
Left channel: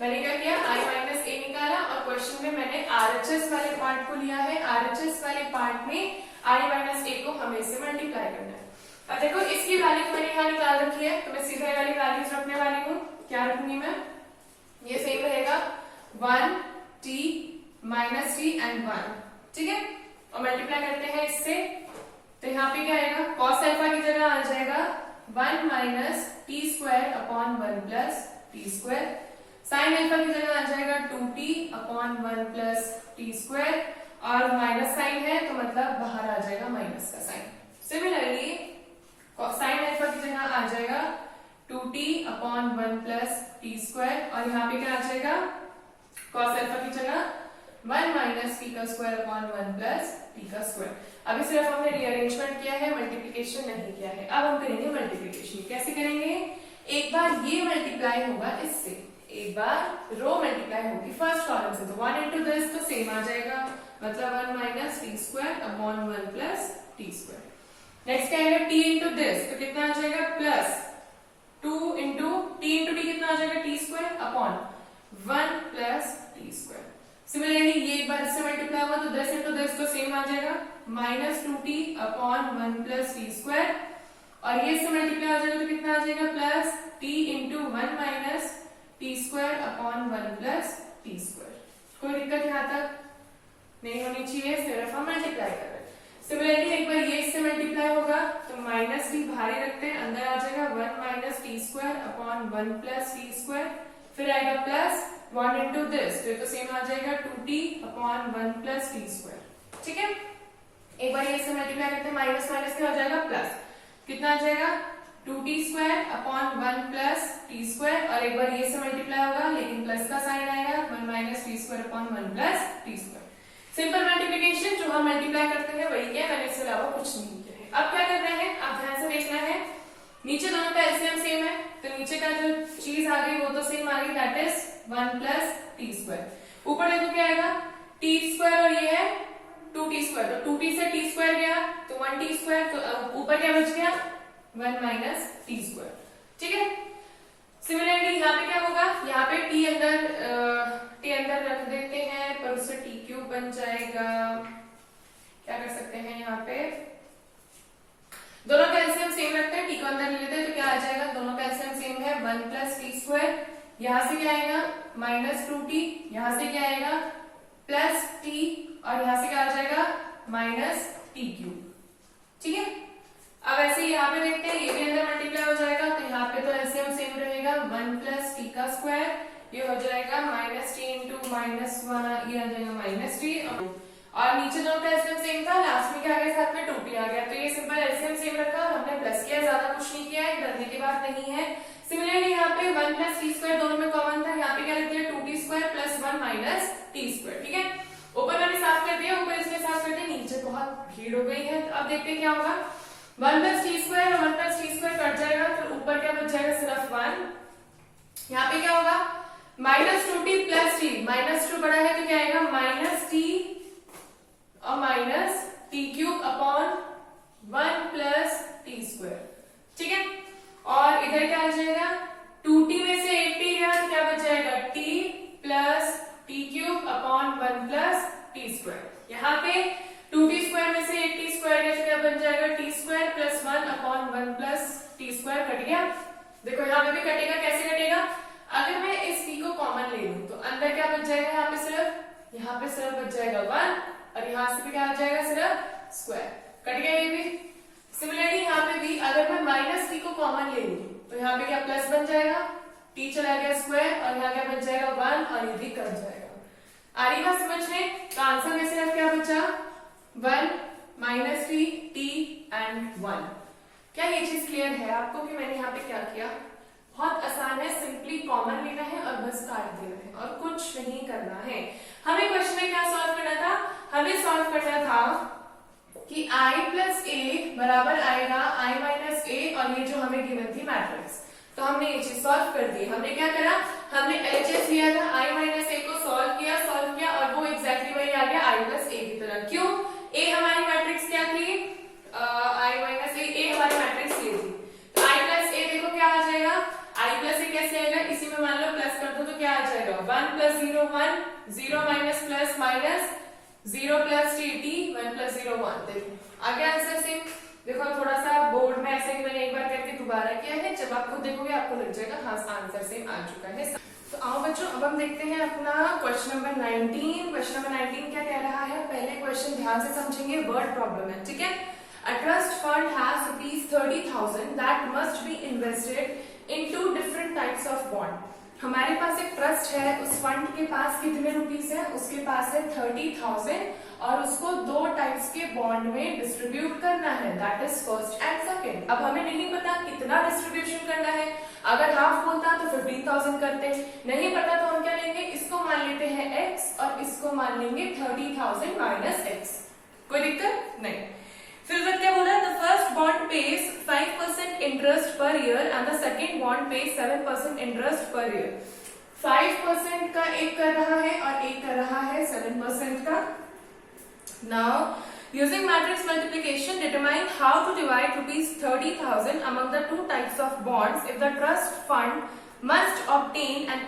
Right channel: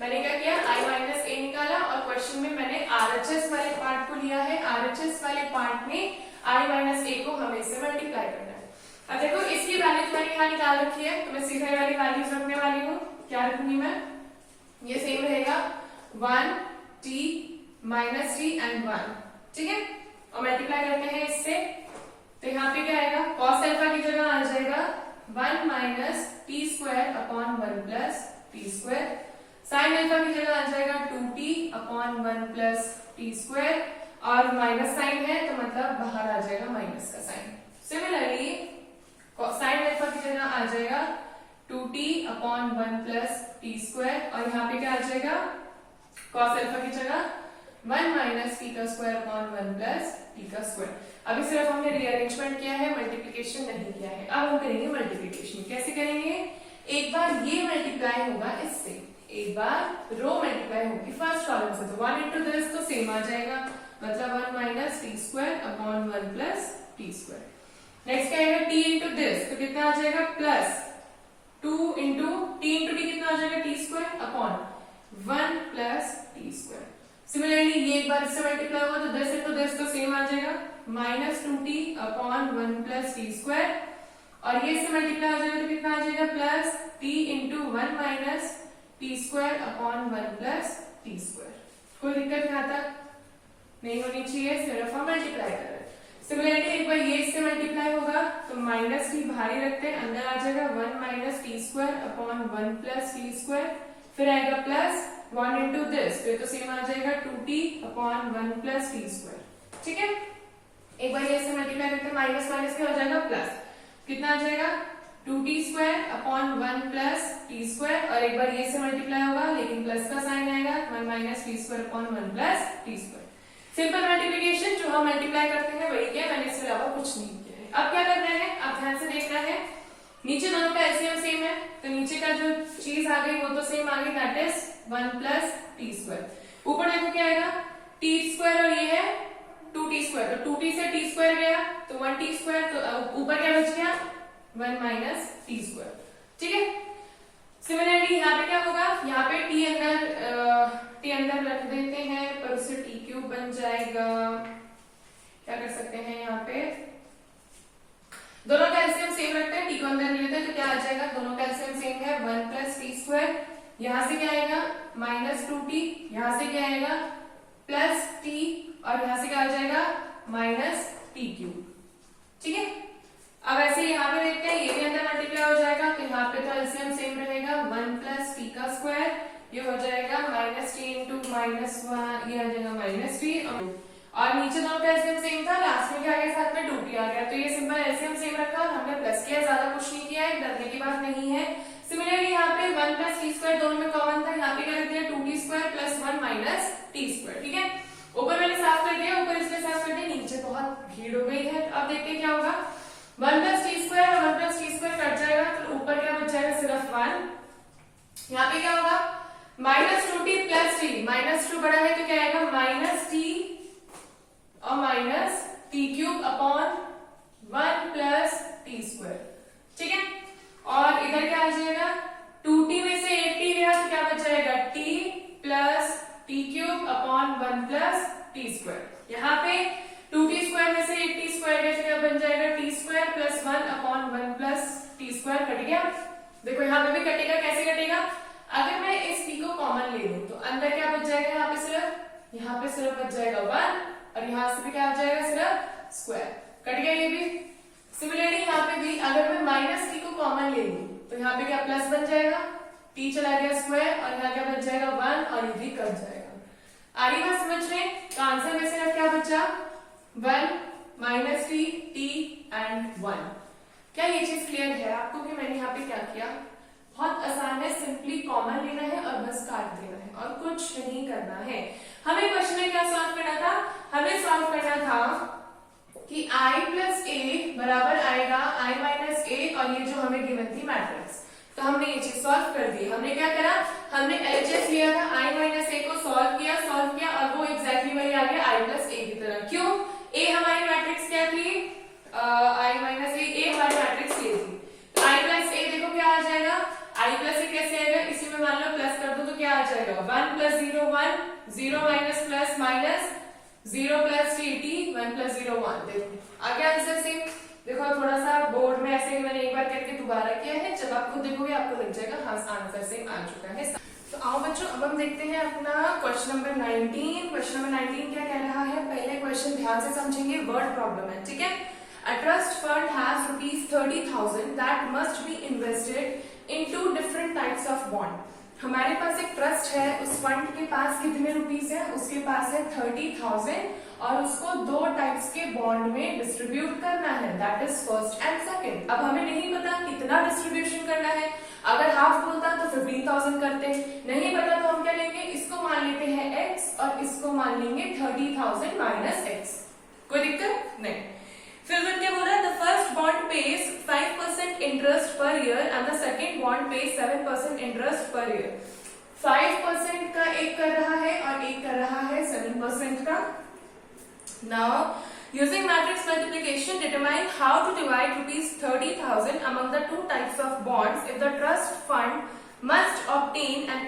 मैंने क्या किया, i माइनस ए निकाला, और क्वेश्चन में मैंने आरएचएस वाले पार्ट को लिया है, आरएचएस वाले पार्ट में i माइनस ए को हमें इससे मल्टीप्लाई करना है। अब देखो इसकी वैल्यू तो मैंने यहाँ निकाल रखी है, तो मैं सीधा वाली वैल्यूज रखने वाली हूँ। क्या रखूंगी मैं, ये सेम रहेगा 1 t माइनस टी एंड 1, ठीक है। और मल्टीप्लाई करते हैं इससे, तो यहाँ पे क्या आएगा, cos अल्फा की जगह आ जाएगा 1 minus T square upon 1 plus T square, sin alpha की जगह आ जाएगा 2t upon 1 plus T square, और माइनस साइन है तो मतलब बाहर आ जाएगा माइनस का साइन। सिमिलरली sin अल्फा की जगह आ जाएगा 2t upon 1 plus T square, और यहाँ पे क्या आ जाएगा, cos अल्फा की जगह 1 माइनस टी का स्क्वायर अपॉन 1 प्लस टी का स्क्वायर। अभी सिर्फ हमने रीअरेंजमेंट किया है, मल्टीप्लीकेशन नहीं किया है। अब हम करेंगे मल्टीप्लीकेशन। कैसे करेंगे, एक बार ये मल्टीप्लाई होगा इससे, एक बार रो मल्टीप्लाई होगी फर्स्ट कॉलम से, तो 1 इंटू दिस तो सेम आ जाएगा, मतलब 1 minus T square upon 1 plus T square. Next क्या आएगा, टी इंटू दिस, तो कितना आ जाएगा, plus 2 into T into T कितना आ जाएगा, T square upon 1 plus T square. Similarly ये एक बार इससे मल्टीप्लाई हुआ तो 10 इंटू 10 तो सेम आ जाएगा, minus 2t upon 1 plus T square, और ये इससे मल्टीप्लाई हो जाएगा तो कितना आ जाएगा, plus t into 1 minus T square upon 1 plus T square. कोई दिक्कत यहाँ तक नहीं होनी चाहिए, सिर्फ हम मल्टीप्लाई कर रहे हैं। सिमिलरली एक बार ये इससे मल्टीप्लाई होगा तो माइनस टी बाहर ही रखते हैं, अंदर आ जाएगा 1 minus T square upon 1 plus T square, फिर आएगा प्लस 1 इंटू दिस, फिर तो सेम आ जाएगा 2t upon 1 plus T square. ठीक है, एक बार ये से मल्टीप्लाई करते हैं, माइनस माइनस क्या हो जाएगा प्लस, कितना आ जाएगा 2t square upon 1 plus T square, और एक बार ये से मल्टीप्लाई होगा लेकिन प्लस का साइन आएगा 1 minus T square upon 1 plus T square. Simple multiplication जो हम मल्टीप्लाई करते हैं वही क्या, मैंने इसके अलावा कुछ नहीं किया है। अब क्या कर रहे हैं, आप ध्यान से देखना है, नीचे दोनों का एलसीएम सेम है तो नीचे का जो चीज आ गई वो तो सेम आ गई, that is 1 plus T square. ऊपर देखो क्या आएगा टी स्क्वायर और ये है 2t स्क्वायर, तो 2t से t स्क्वायर गया तो 1t स्क्वायर, तो ऊपर क्या बच गया 1 माइनस टी स्क्वायर। ठीक है, सिमिलरली यहाँ पे क्या होगा, यहाँ पे t अंदर रख देते हैं पर उससे t क्यूब बन जाएगा। क्या कर सकते हैं, यहाँ पे दोनों का एलसीएम सेम रखते हैं, t को अंदर लेते हैं तो क्या आ जाएगा, दोनों का एलसीएम सेम है 1 प्लस टी स्क्वायर, यहाँ से क्या आएगा माइनस 2t, यहाँ से क्या आएगा प्लस t, और यहाँ से क्या आ जाएगा माइनस टी क्यूब। ठीक है, अब ऐसे यहाँ पे देखते हैं, ये भी अंदर मल्टीप्लाई हो जाएगा तो यहाँ पे तो एलसीएम सेम रहेगा 1 प्लस टी का स्क्वायर, ये हो जाएगा माइनस टी इंटू माइनस 1, ये आ जाएगा माइनस टी, और नीचे दोनों का एलसीएम सेम था, लास्ट में क्या आ गया साथ में 2t आ गया, तो ये सिंपल एलसीएम सेम रखा और हमने प्लस किया, ज्यादा कुछ नहीं किया है, डरने की बात नहीं है। सिमिलरली यहाँ पे 1 प्लस टी स्क्वायर दोनों में कॉमन था, यहाँ पे क्या रख दिया 2t square plus 1 minus T square. ठीक है, ऊपर मैंने साफ कर दिया, ऊपर इसके साफ कर दिया, नीचे बहुत भीड़ हो गई है। अब देखते हैं क्या होगा, 1 प्लस टी स्क्वायर और 1 प्लस टी स्क्वायर कट जाएगा, फिर ऊपर क्या बच जाएगा सिर्फ 1। यहाँ पे क्या होगा minus 2t plus T, minus 2 बड़ा है तो क्या आएगा माइनस टी और minus T cube upon 1 plus T square. ठीक है, और इधर क्या आ जाएगा 2t में से 8t गया तो क्या बच जाएगा t plus T cube upon 1 plus T square. यहाँ पे 2t स्क्वायर में से 8t स्क्वायर गया तो क्या बन जाएगा t square plus 1 upon 1 plus T square, cut गया। देखो यहाँ पे भी कटेगा, कैसे कटेगा, अगर मैं इस t को कॉमन ले लूं तो अंदर क्या बच जाएगा, यहाँ पे सिर्फ बच जाएगा 1, और यहाँ से भी क्या आ जाएगा सिर्फ स्क्वायर, कट गया ये भी। सिमिलरली यहाँ पे भी अगर मैं माइनस टी को कॉमन ले लूं तो यहाँ पे क्या प्लस बन जाएगा, टी चला गया स्क्वायर, और यहाँ क्या बच जाएगा 1, और ये भी कट जाएगा। आ रही बात समझ में, तो आंसर में से क्या बचा 1 माइनस टी, टी एंड 1। क्या ये चीज क्लियर है आपको कि मैंने यहाँ पे क्या किया, बहुत आसान है, सिंपली कॉमन लेना है और बस काट देना है और कुछ नहीं करना है। हमें क्वेश्चन में क्या सॉल्व करना था, हमें सॉल्व करना था कि i प्लस ए बराबर आएगा i माइनस ए, और ये जो हमें गिवन थी मैट्रिक्स, तो हमने ये चीज सॉल्व कर दी। हमने क्या करा, हमने एलएचएस लिया था, i माइनस ए को सॉल्व किया और वो एग्जैक्टली वही आ गया i प्लस ए की तरह। क्यों, a हमारी मैट्रिक्स क्या थी, i माइनस ए हमारी मैट्रिक्स ये थी, तो i प्लस ए देखो क्या आ जाएगा, i प्लस ए कैसे आएगा, इसी में मान लो प्लस कर दो तो क्या आ जाएगा 1 plus 0 1, 0 minus plus minus, 0 plus T 1 plus 0 1। देखो आ गया आंसर सेम। देखो थोड़ा सा बोर्ड में ऐसे मैंने एक बार करके दोबारा किया है, जब आप खुद देखोगे आपको लग जाएगा हाँ आंसर सेम आ चुका है। तो आओ बच्चों अब हम देखते हैं अपना क्वेश्चन नंबर 19। क्वेश्चन नंबर 19 क्या कह रहा है, पहले क्वेश्चन ध्यान से समझेंगे, वर्ड प्रॉब्लम है, ठीक है। A trust fund has ₹30,000 that must be invested in 2 different types of bond. हमारे पास एक ट्रस्ट है, उस फंड के पास कितने रुपीस है, उसके पास है 30,000 और उसको 2 टाइप्स के बॉन्ड में डिस्ट्रीब्यूट करना है, that is first and second. अब हमें नहीं पता कितना डिस्ट्रीब्यूशन करना है, अगर हाफ बोलता तो 15,000 करते, नहीं पता तो हम क्या लेंगे, इसको मान लेते हैं x और इसको मान लेंगे 30,000 माइनस x, कोई दिक्कत नहीं। फिर क्या बोल रहा है, the first bond page 5% interest per year and the second bond page 7% interest per year. 5% का एक कर रहा है और एक कर रहा है 7% का। Now using matrix multiplication determine how to divide ₹30,000 among the 2 types of bonds if the trust fund must obtain an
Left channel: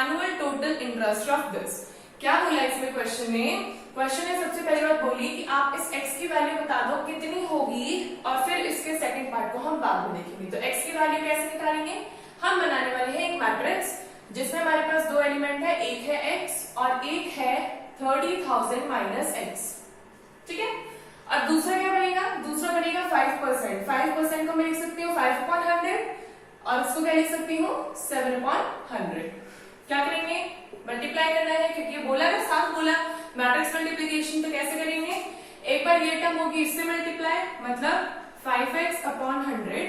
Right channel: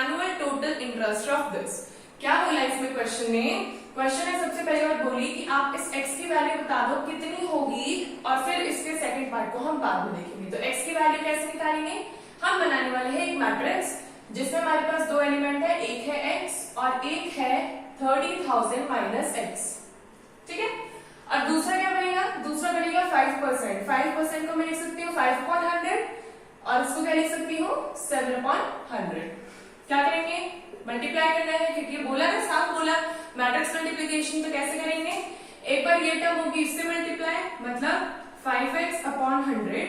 annual total interest of this। क्या बोला इसमें क्वेश्चन में, क्वेश्चन ने सबसे पहली बात बोली कि आप इस x की वैल्यू बता दो कितनी होगी और फिर इसके सेकंड पार्ट को हम बाद में देखेंगे। तो x की वैल्यू कैसे निकालेंगे, हम बनाने वाले हैं एक मैट्रिक्स जिसमें हमारे पास 2 एलिमेंट है, एक है x और एक है 30,000 माइनस x, ठीक है। और दूसरा क्या बनेगा, दूसरा बनेगा 5%। 5% को मैं लिख सकती हूँ 5/100 और इसको क्या लिख सकती हूँ 7/100। क्या करेंगे, मल्टीप्लाई करना है क्योंकि बोला ना, साफ बोला मैट्रिक्स मल्टीप्लीकेशन। तो कैसे करेंगे, एक बार ये टर्म होगी इससे मल्टीप्लाई, मतलब 5x/100,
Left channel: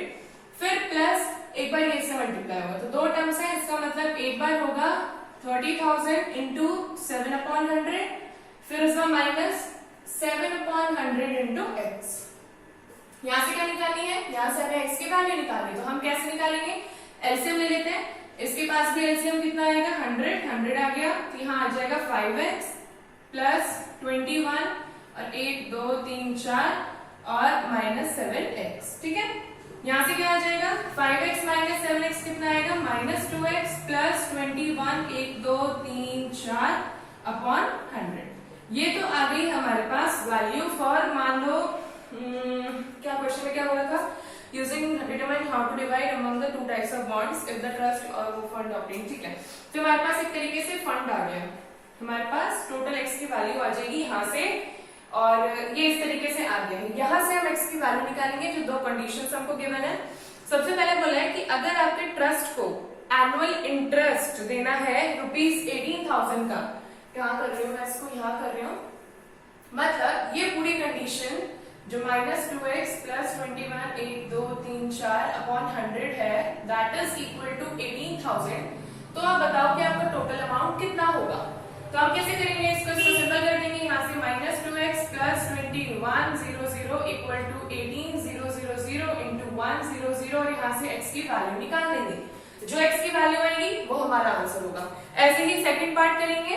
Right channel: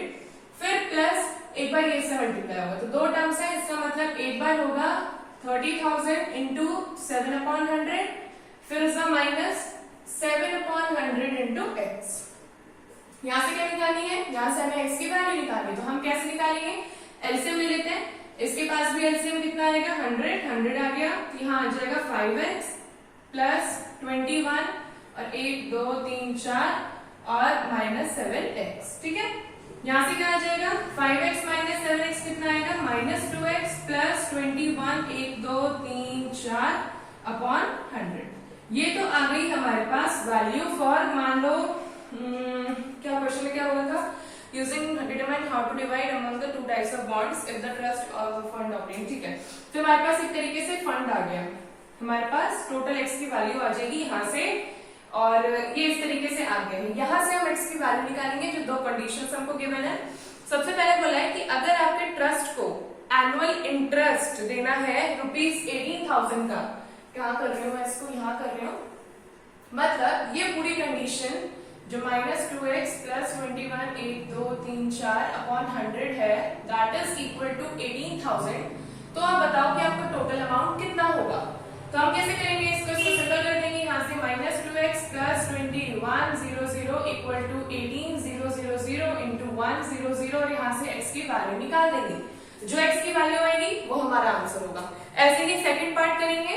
फिर प्लस एक बार ये इससे मल्टीप्लाई होगा। तो दो टर्म्स है, इसका मतलब एक बार होगा 30,000 इंटू 7/100, फिर उसका माइनस 7/100 इंटू एक्स। यहां से क्या निकालनी है, यहां से हमें x की वैल्यू निकालनी। तो हम कैसे निकालेंगे, एलसीएम ले लेते हैं। इसके पास भी एलसीएम कितना आएगा, 100 आ गया। तो यहाँ आ जाएगा 5x प्लस 21 और 1 2 3 4 और माइनस 7x। ठीक है, यहां से क्या आ जाएगा, 5x माइनस 7x कितना आएगा, माइनस 2x प्लस 21 1 2 3 4 अपॉन 100। ये तो आ गई हमारे पास वैल्यू फॉर, मान लो क्या क्वेश्चन में क्या बोला था, using determine how to divide among the two types of bonds if the trust और फंड ऑपरेटिंग। ठीक है, तो हमारे पास एक तरीके से फंड आ गया, हमारे पास टोटल एक्स की वैल्यू आ जाएगी यहाँ से, और ये इस तरीके से आ गया है। यहाँ से हम एक्स की वैल्यू निकालेंगे जो दो कंडीशंस हमको गिवन है। सबसे पहले बोला है कि अगर आपके ट्रस्ट को एनुअल इंटरेस्ट देना है ₹18,000 का, क्या कर रही हूँ मैं इसको, यहाँ कर रही हूँ, मतलब ये पूरी कंडीशन जो -2x प्लस 21 1 2 3 4 अपॉन 100 है, दैट इज इक्वल टू 18,000। तो आप बताओ कि आपका टोटल अमाउंट कितना होगा। तो हम कैसे करेंगे इसको सिंपल कर देंगे, यहाँ से -2x plus 2100 equal to 18,000 into 100 और यहाँ से x की वैल्यू निकाल देंगे। जो x की वैल्यू आएगी वो हमारा आंसर होगा। ऐसे ही सेकंड पार्ट करेंगे,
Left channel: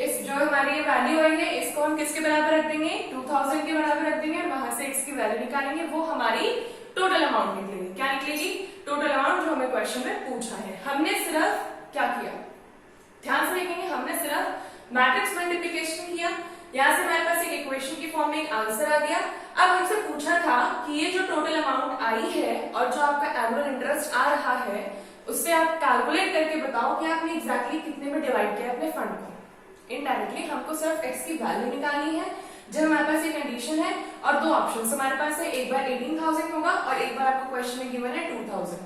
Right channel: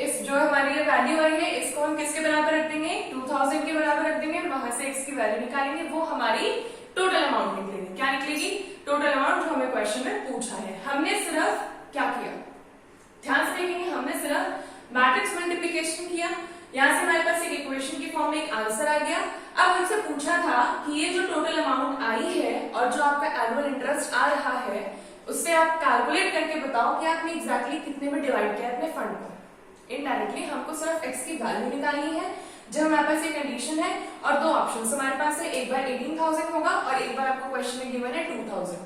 इस जो हमारी ये वैल्यू आई है इसको हम किसके बराबर रख देंगे, 2000 के बराबर रख देंगे, वहां से x की वैल्यू निकालेंगे, वो हमारी टोटल अमाउंट निकलेगी। क्या निकलेगी, टोटल अमाउंट जो हमें क्वेश्चन में पूछा है। हमने सिर्फ क्या किया, ध्यान से देखेंगे, हमने सिर्फ मैट्रिक्स मल्टीप्लिकेशन किया। यहाँ से हमारे पास एक इक्वेशन की फॉर्म में एक आंसर आ गया। अब हमसे पूछा था कि ये जो टोटल अमाउंट आई है और जो आपका एनुअल इंटरेस्ट आ रहा है उससे आप कैलकुलेट करके बताओ कि आपने एग्जैक्टली कितने में डिवाइड किया अपने फंड को। इनडायरेक्टली हमको सिर्फ x की वैल्यू निकालनी है। जब हमारे पास ये कंडीशन है और दो ऑप्शन हमारे पास है, एक बार 18,000 होगा और एक बार आपको क्वेश्चन में गिवन है 2,000।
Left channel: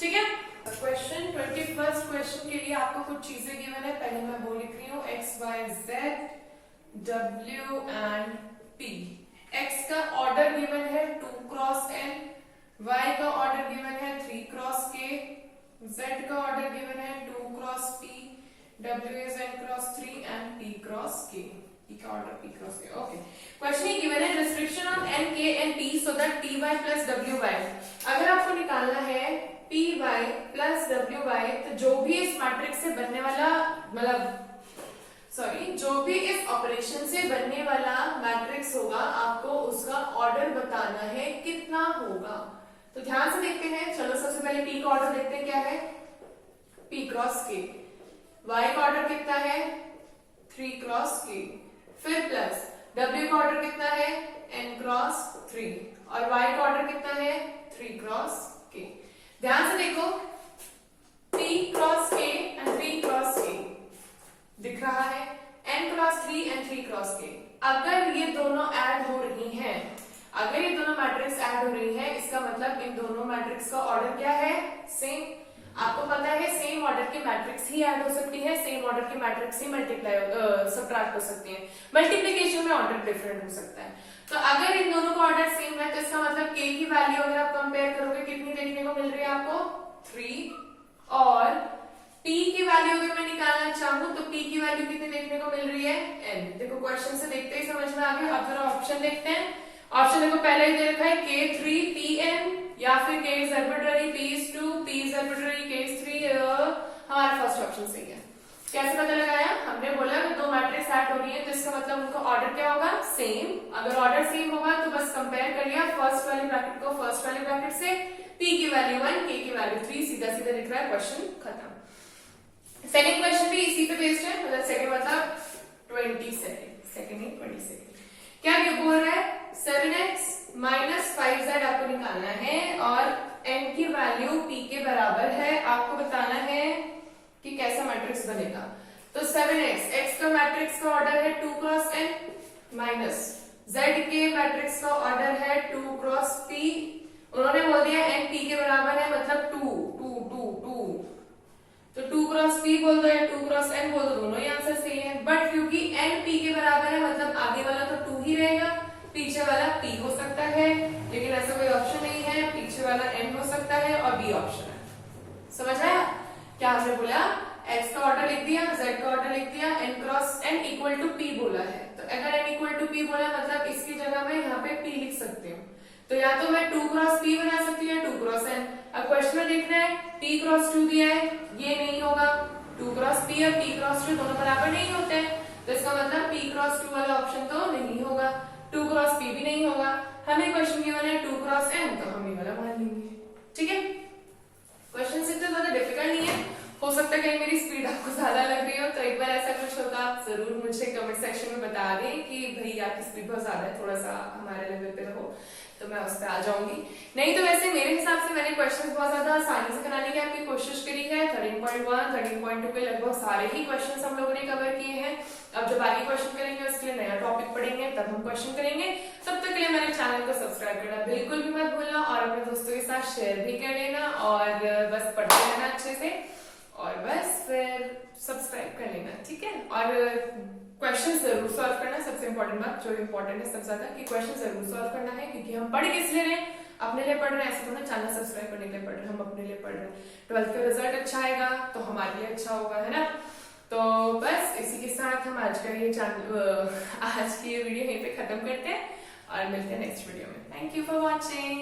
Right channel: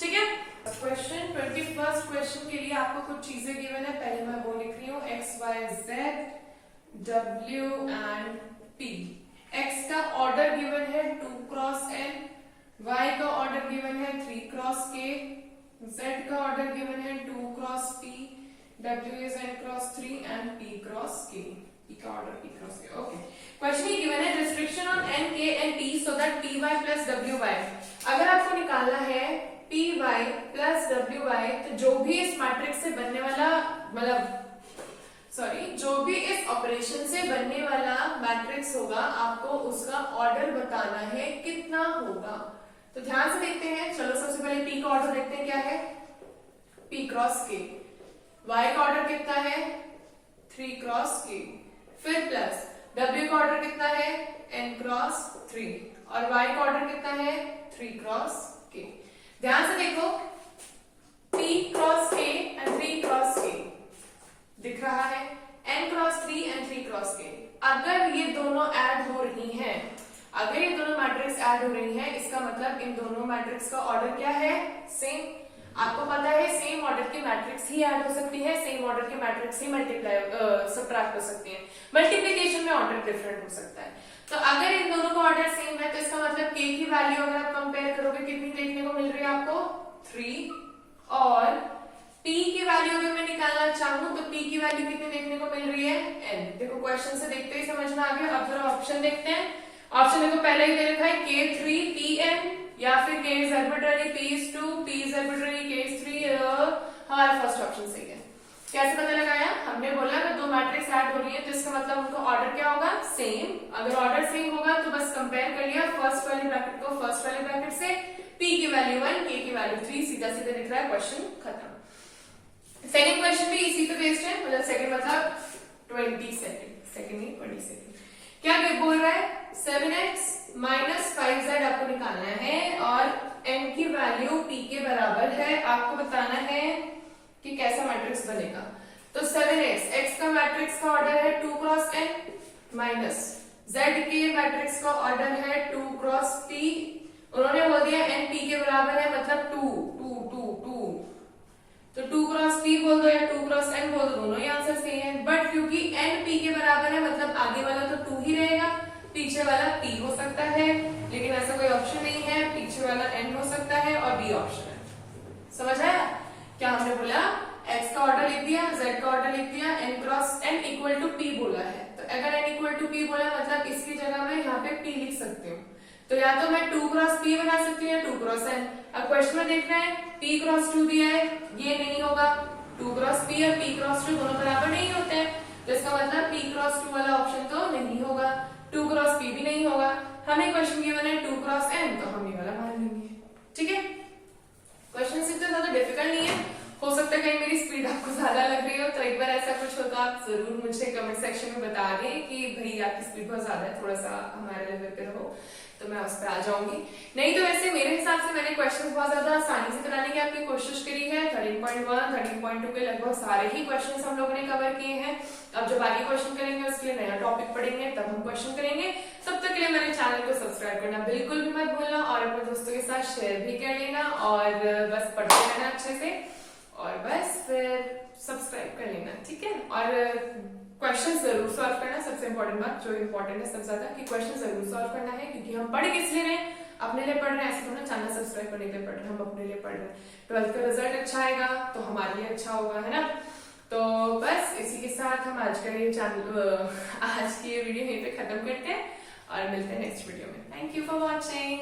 ठीक है, क्वेश्चन 21st क्वेश्चन के लिए आपको कुछ चीजें गिवन है। पहले मैं बोल लिख रही हूँ x y z w and p। x का ऑर्डर गिवन है 2 क्रॉस n, y का ऑर्डर गिवन है 3 क्रॉस k, z का ऑर्डर गिवन है 2 cross p, W is n cross 3 and p cross k. P का order p cross k. Okay. Question ही given है restriction on n k and p so that py plus wy. अगर आपको निकालना है py plus wy, तो जो भी इस मैट्रिक्स से बनने वाला, जो भी इस ऑपरेशन से बनने वाला मैट्रिक्स होगा, आपको उसका ऑर्डर बताना है कितना होगा। तो ध्यान से देखते हैं, चलो सबसे पहले p का ऑर्डर देखते हैं क्या है, p क्रॉस k। y का ऑर्डर कितना है 3 क्रॉस k, फिर प्लस w का ऑर्डर कितना है n क्रॉस 3 और y का ऑर्डर कितना है 3 क्रॉस k। ध्यान से देखो, p cross k and 3 cross k दिख रहा है, n cross 3 and 3 cross k। अगर ये दोनों ऐड हो रही हैं, अगर ये दोनों मैट्रिक्स ऐड हो रही हैं, इसका मतलब इन दोनों मैट्रिक्स का ऑर्डर क्या है, सेम। आपको पता है सेम ऑर्डर की मैट्रिक्स ही ऐड हो सकती है, सेम ऑर्डर की मैट्रिक्स ही मल्टीप्लाई सबट्रैक्ट हो सकती है। मल्टीप्लिकेशन में ऑर्डर डिफरेंट हो सकता है। तो अगर इन दोनों का ऑर्डर सेम है तो इसका मतलब k की वैल्यू अगर आप कंपेयर करोगे कितनी देखने को मिल रही है आपको 3, और p की वैल्यू अगर मैं निकालना चाहूँ तो p की वैल्यू कितनी देखने को मिल रही है n। देखो क्वेश्चन से देखते ही समझ में आ गया। अब जरा ऑप्शन देखते हैं। ऑप्शन देखो पहले ही दे रखा है k3 pn या फिर k is arbitrary, p is 2, p is arbitrary, k is 3। हमारा फर्स्ट ऑप्शन सही है। कैसे पता लगाया, हमने बोला कि दो मैट्रिक्स ऐड हो रही है तो इसका मतलब उनका ऑर्डर क्या होगा, सेम। अगर ऑर्डर सेम होगा तो बस कंपेयर कर लिया फर्स्ट वाले ब्रैकेट को फर्स्ट वाले ब्रैकेट से, p की वैल्यू 1, k की वैल्यू 3, सीधा सीधा दिख रहा है, क्वेश्चन खत्म। सेकंड क्वेश्चन भी इसी पे बेस्ड है, मतलब सेकंड मतलब 20 सेकंड। क्या ये बोल रहा है 7x माइनस 5z आपको निकालना है और n की वैल्यू p के बराबर है। आपको बताना है कि कैसा मैट्रिक्स बनेगा। तो 7x, x का मैट्रिक्स का ऑर्डर है 2 क्रॉस n माइनस Z के मैट्रिक्स का ऑर्डर है 2 क्रॉस P, उन्होंने बोल दिया n P के बराबर है, मतलब 2 2 2 2, तो 2 क्रॉस P बोल दो या 2 क्रॉस n बोल दो, दोनों ही आंसर सही है। बट क्योंकि n P के बराबर है मतलब आगे वाला तो 2 ही रहेगा, पीछे वाला P हो सकता है, लेकिन ऐसा कोई ऑप्शन नहीं है, पीछे वाला n हो सकता है और B ऑप्शन है। समझ आया क्या हमने बोला? x का ऑर्डर लिख दिया, z का ऑर्डर लिख दिया, n cross n equal to P बोला है, तो अगर n इक्वल टू P बोला मतलब इसकी जगह मैं यहाँ पे P लिख सकती हूँ, तो या तो मैं 2 क्रॉस P बना सकती हूँ या 2 क्रॉस n। अब क्वेश्चन में देखना है P क्रॉस 2 दिया है, ये नहीं होगा, 2 क्रॉस P और P क्रॉस 2 दोनों बराबर नहीं होते हैं, तो इसका मतलब P क्रॉस 2 वाला ऑप्शन तो नहीं होगा, 2 क्रॉस P भी नहीं होगा। हमें क्वेश्चन गिवन है 2 क्रॉस n, तो हम ये वाला मान लेंगे। ठीक है, क्वेश्चन इतना ज्यादा डिफिकल्ट नहीं है, हो सकता है कहीं मेरी स्पीड आपको ज्यादा लग रही हो, तो एक बार ऐसा कुछ होगा आप जरूर मुझे कमेंट सेक्शन में बता दें कि भाई आपकी स्पीड बहुत ज्यादा है, थोड़ा सा हमारे लेवल पे रहो, तो मैं उस पर आ जाऊंगी। नहीं तो वैसे मेरे हिसाब से मैंने क्वेश्चंस बहुत ज्यादा आसानी से कराने की आपकी कोशिश करी है। 13.1 13.2 के लगभग सारे ही क्वेश्चंस हम लोगों ने कवर किए हैं। अब जब आगे क्वेश्चन करेंगे उसके लिए नया टॉपिक पढ़ेंगे, तब हम क्वेश्चन करेंगे। तब तक के लिए मेरे चैनल को सब्सक्राइब करना बिल्कुल भी मत भूलना और अपने दोस्तों के साथ शेयर भी कर लेना, और बस पढ़ते रहना अच्छे से, और बस फिर सब्सक्राइब कर लेना। ठीक है, और क्वेश्चन जरूर सॉल्व करना, सबसे इंपॉर्टेंट बात जो इंपॉर्टेंट है सबसे ज्यादा, कि क्वेश्चन जरूर सॉल्व करना है, क्योंकि हम पढ़ किस लिए रहे हैं? अपने लिए पढ़ रहे हैं, ऐसे थोड़ा चैनल सब्सक्राइब करने के लिए पढ़ रहे हैं, हम अपने लिए पढ़ रहे हैं। 12th का रिजल्ट अच्छा आएगा तो हमारे लिए अच्छा होगा, है ना। तो बस इसी के साथ हम आज का ये चैनल आज की ये वीडियो यहीं पे खत्म करते हैं और मिलते हैं नेक्स्ट वीडियो में। Thank you for watching.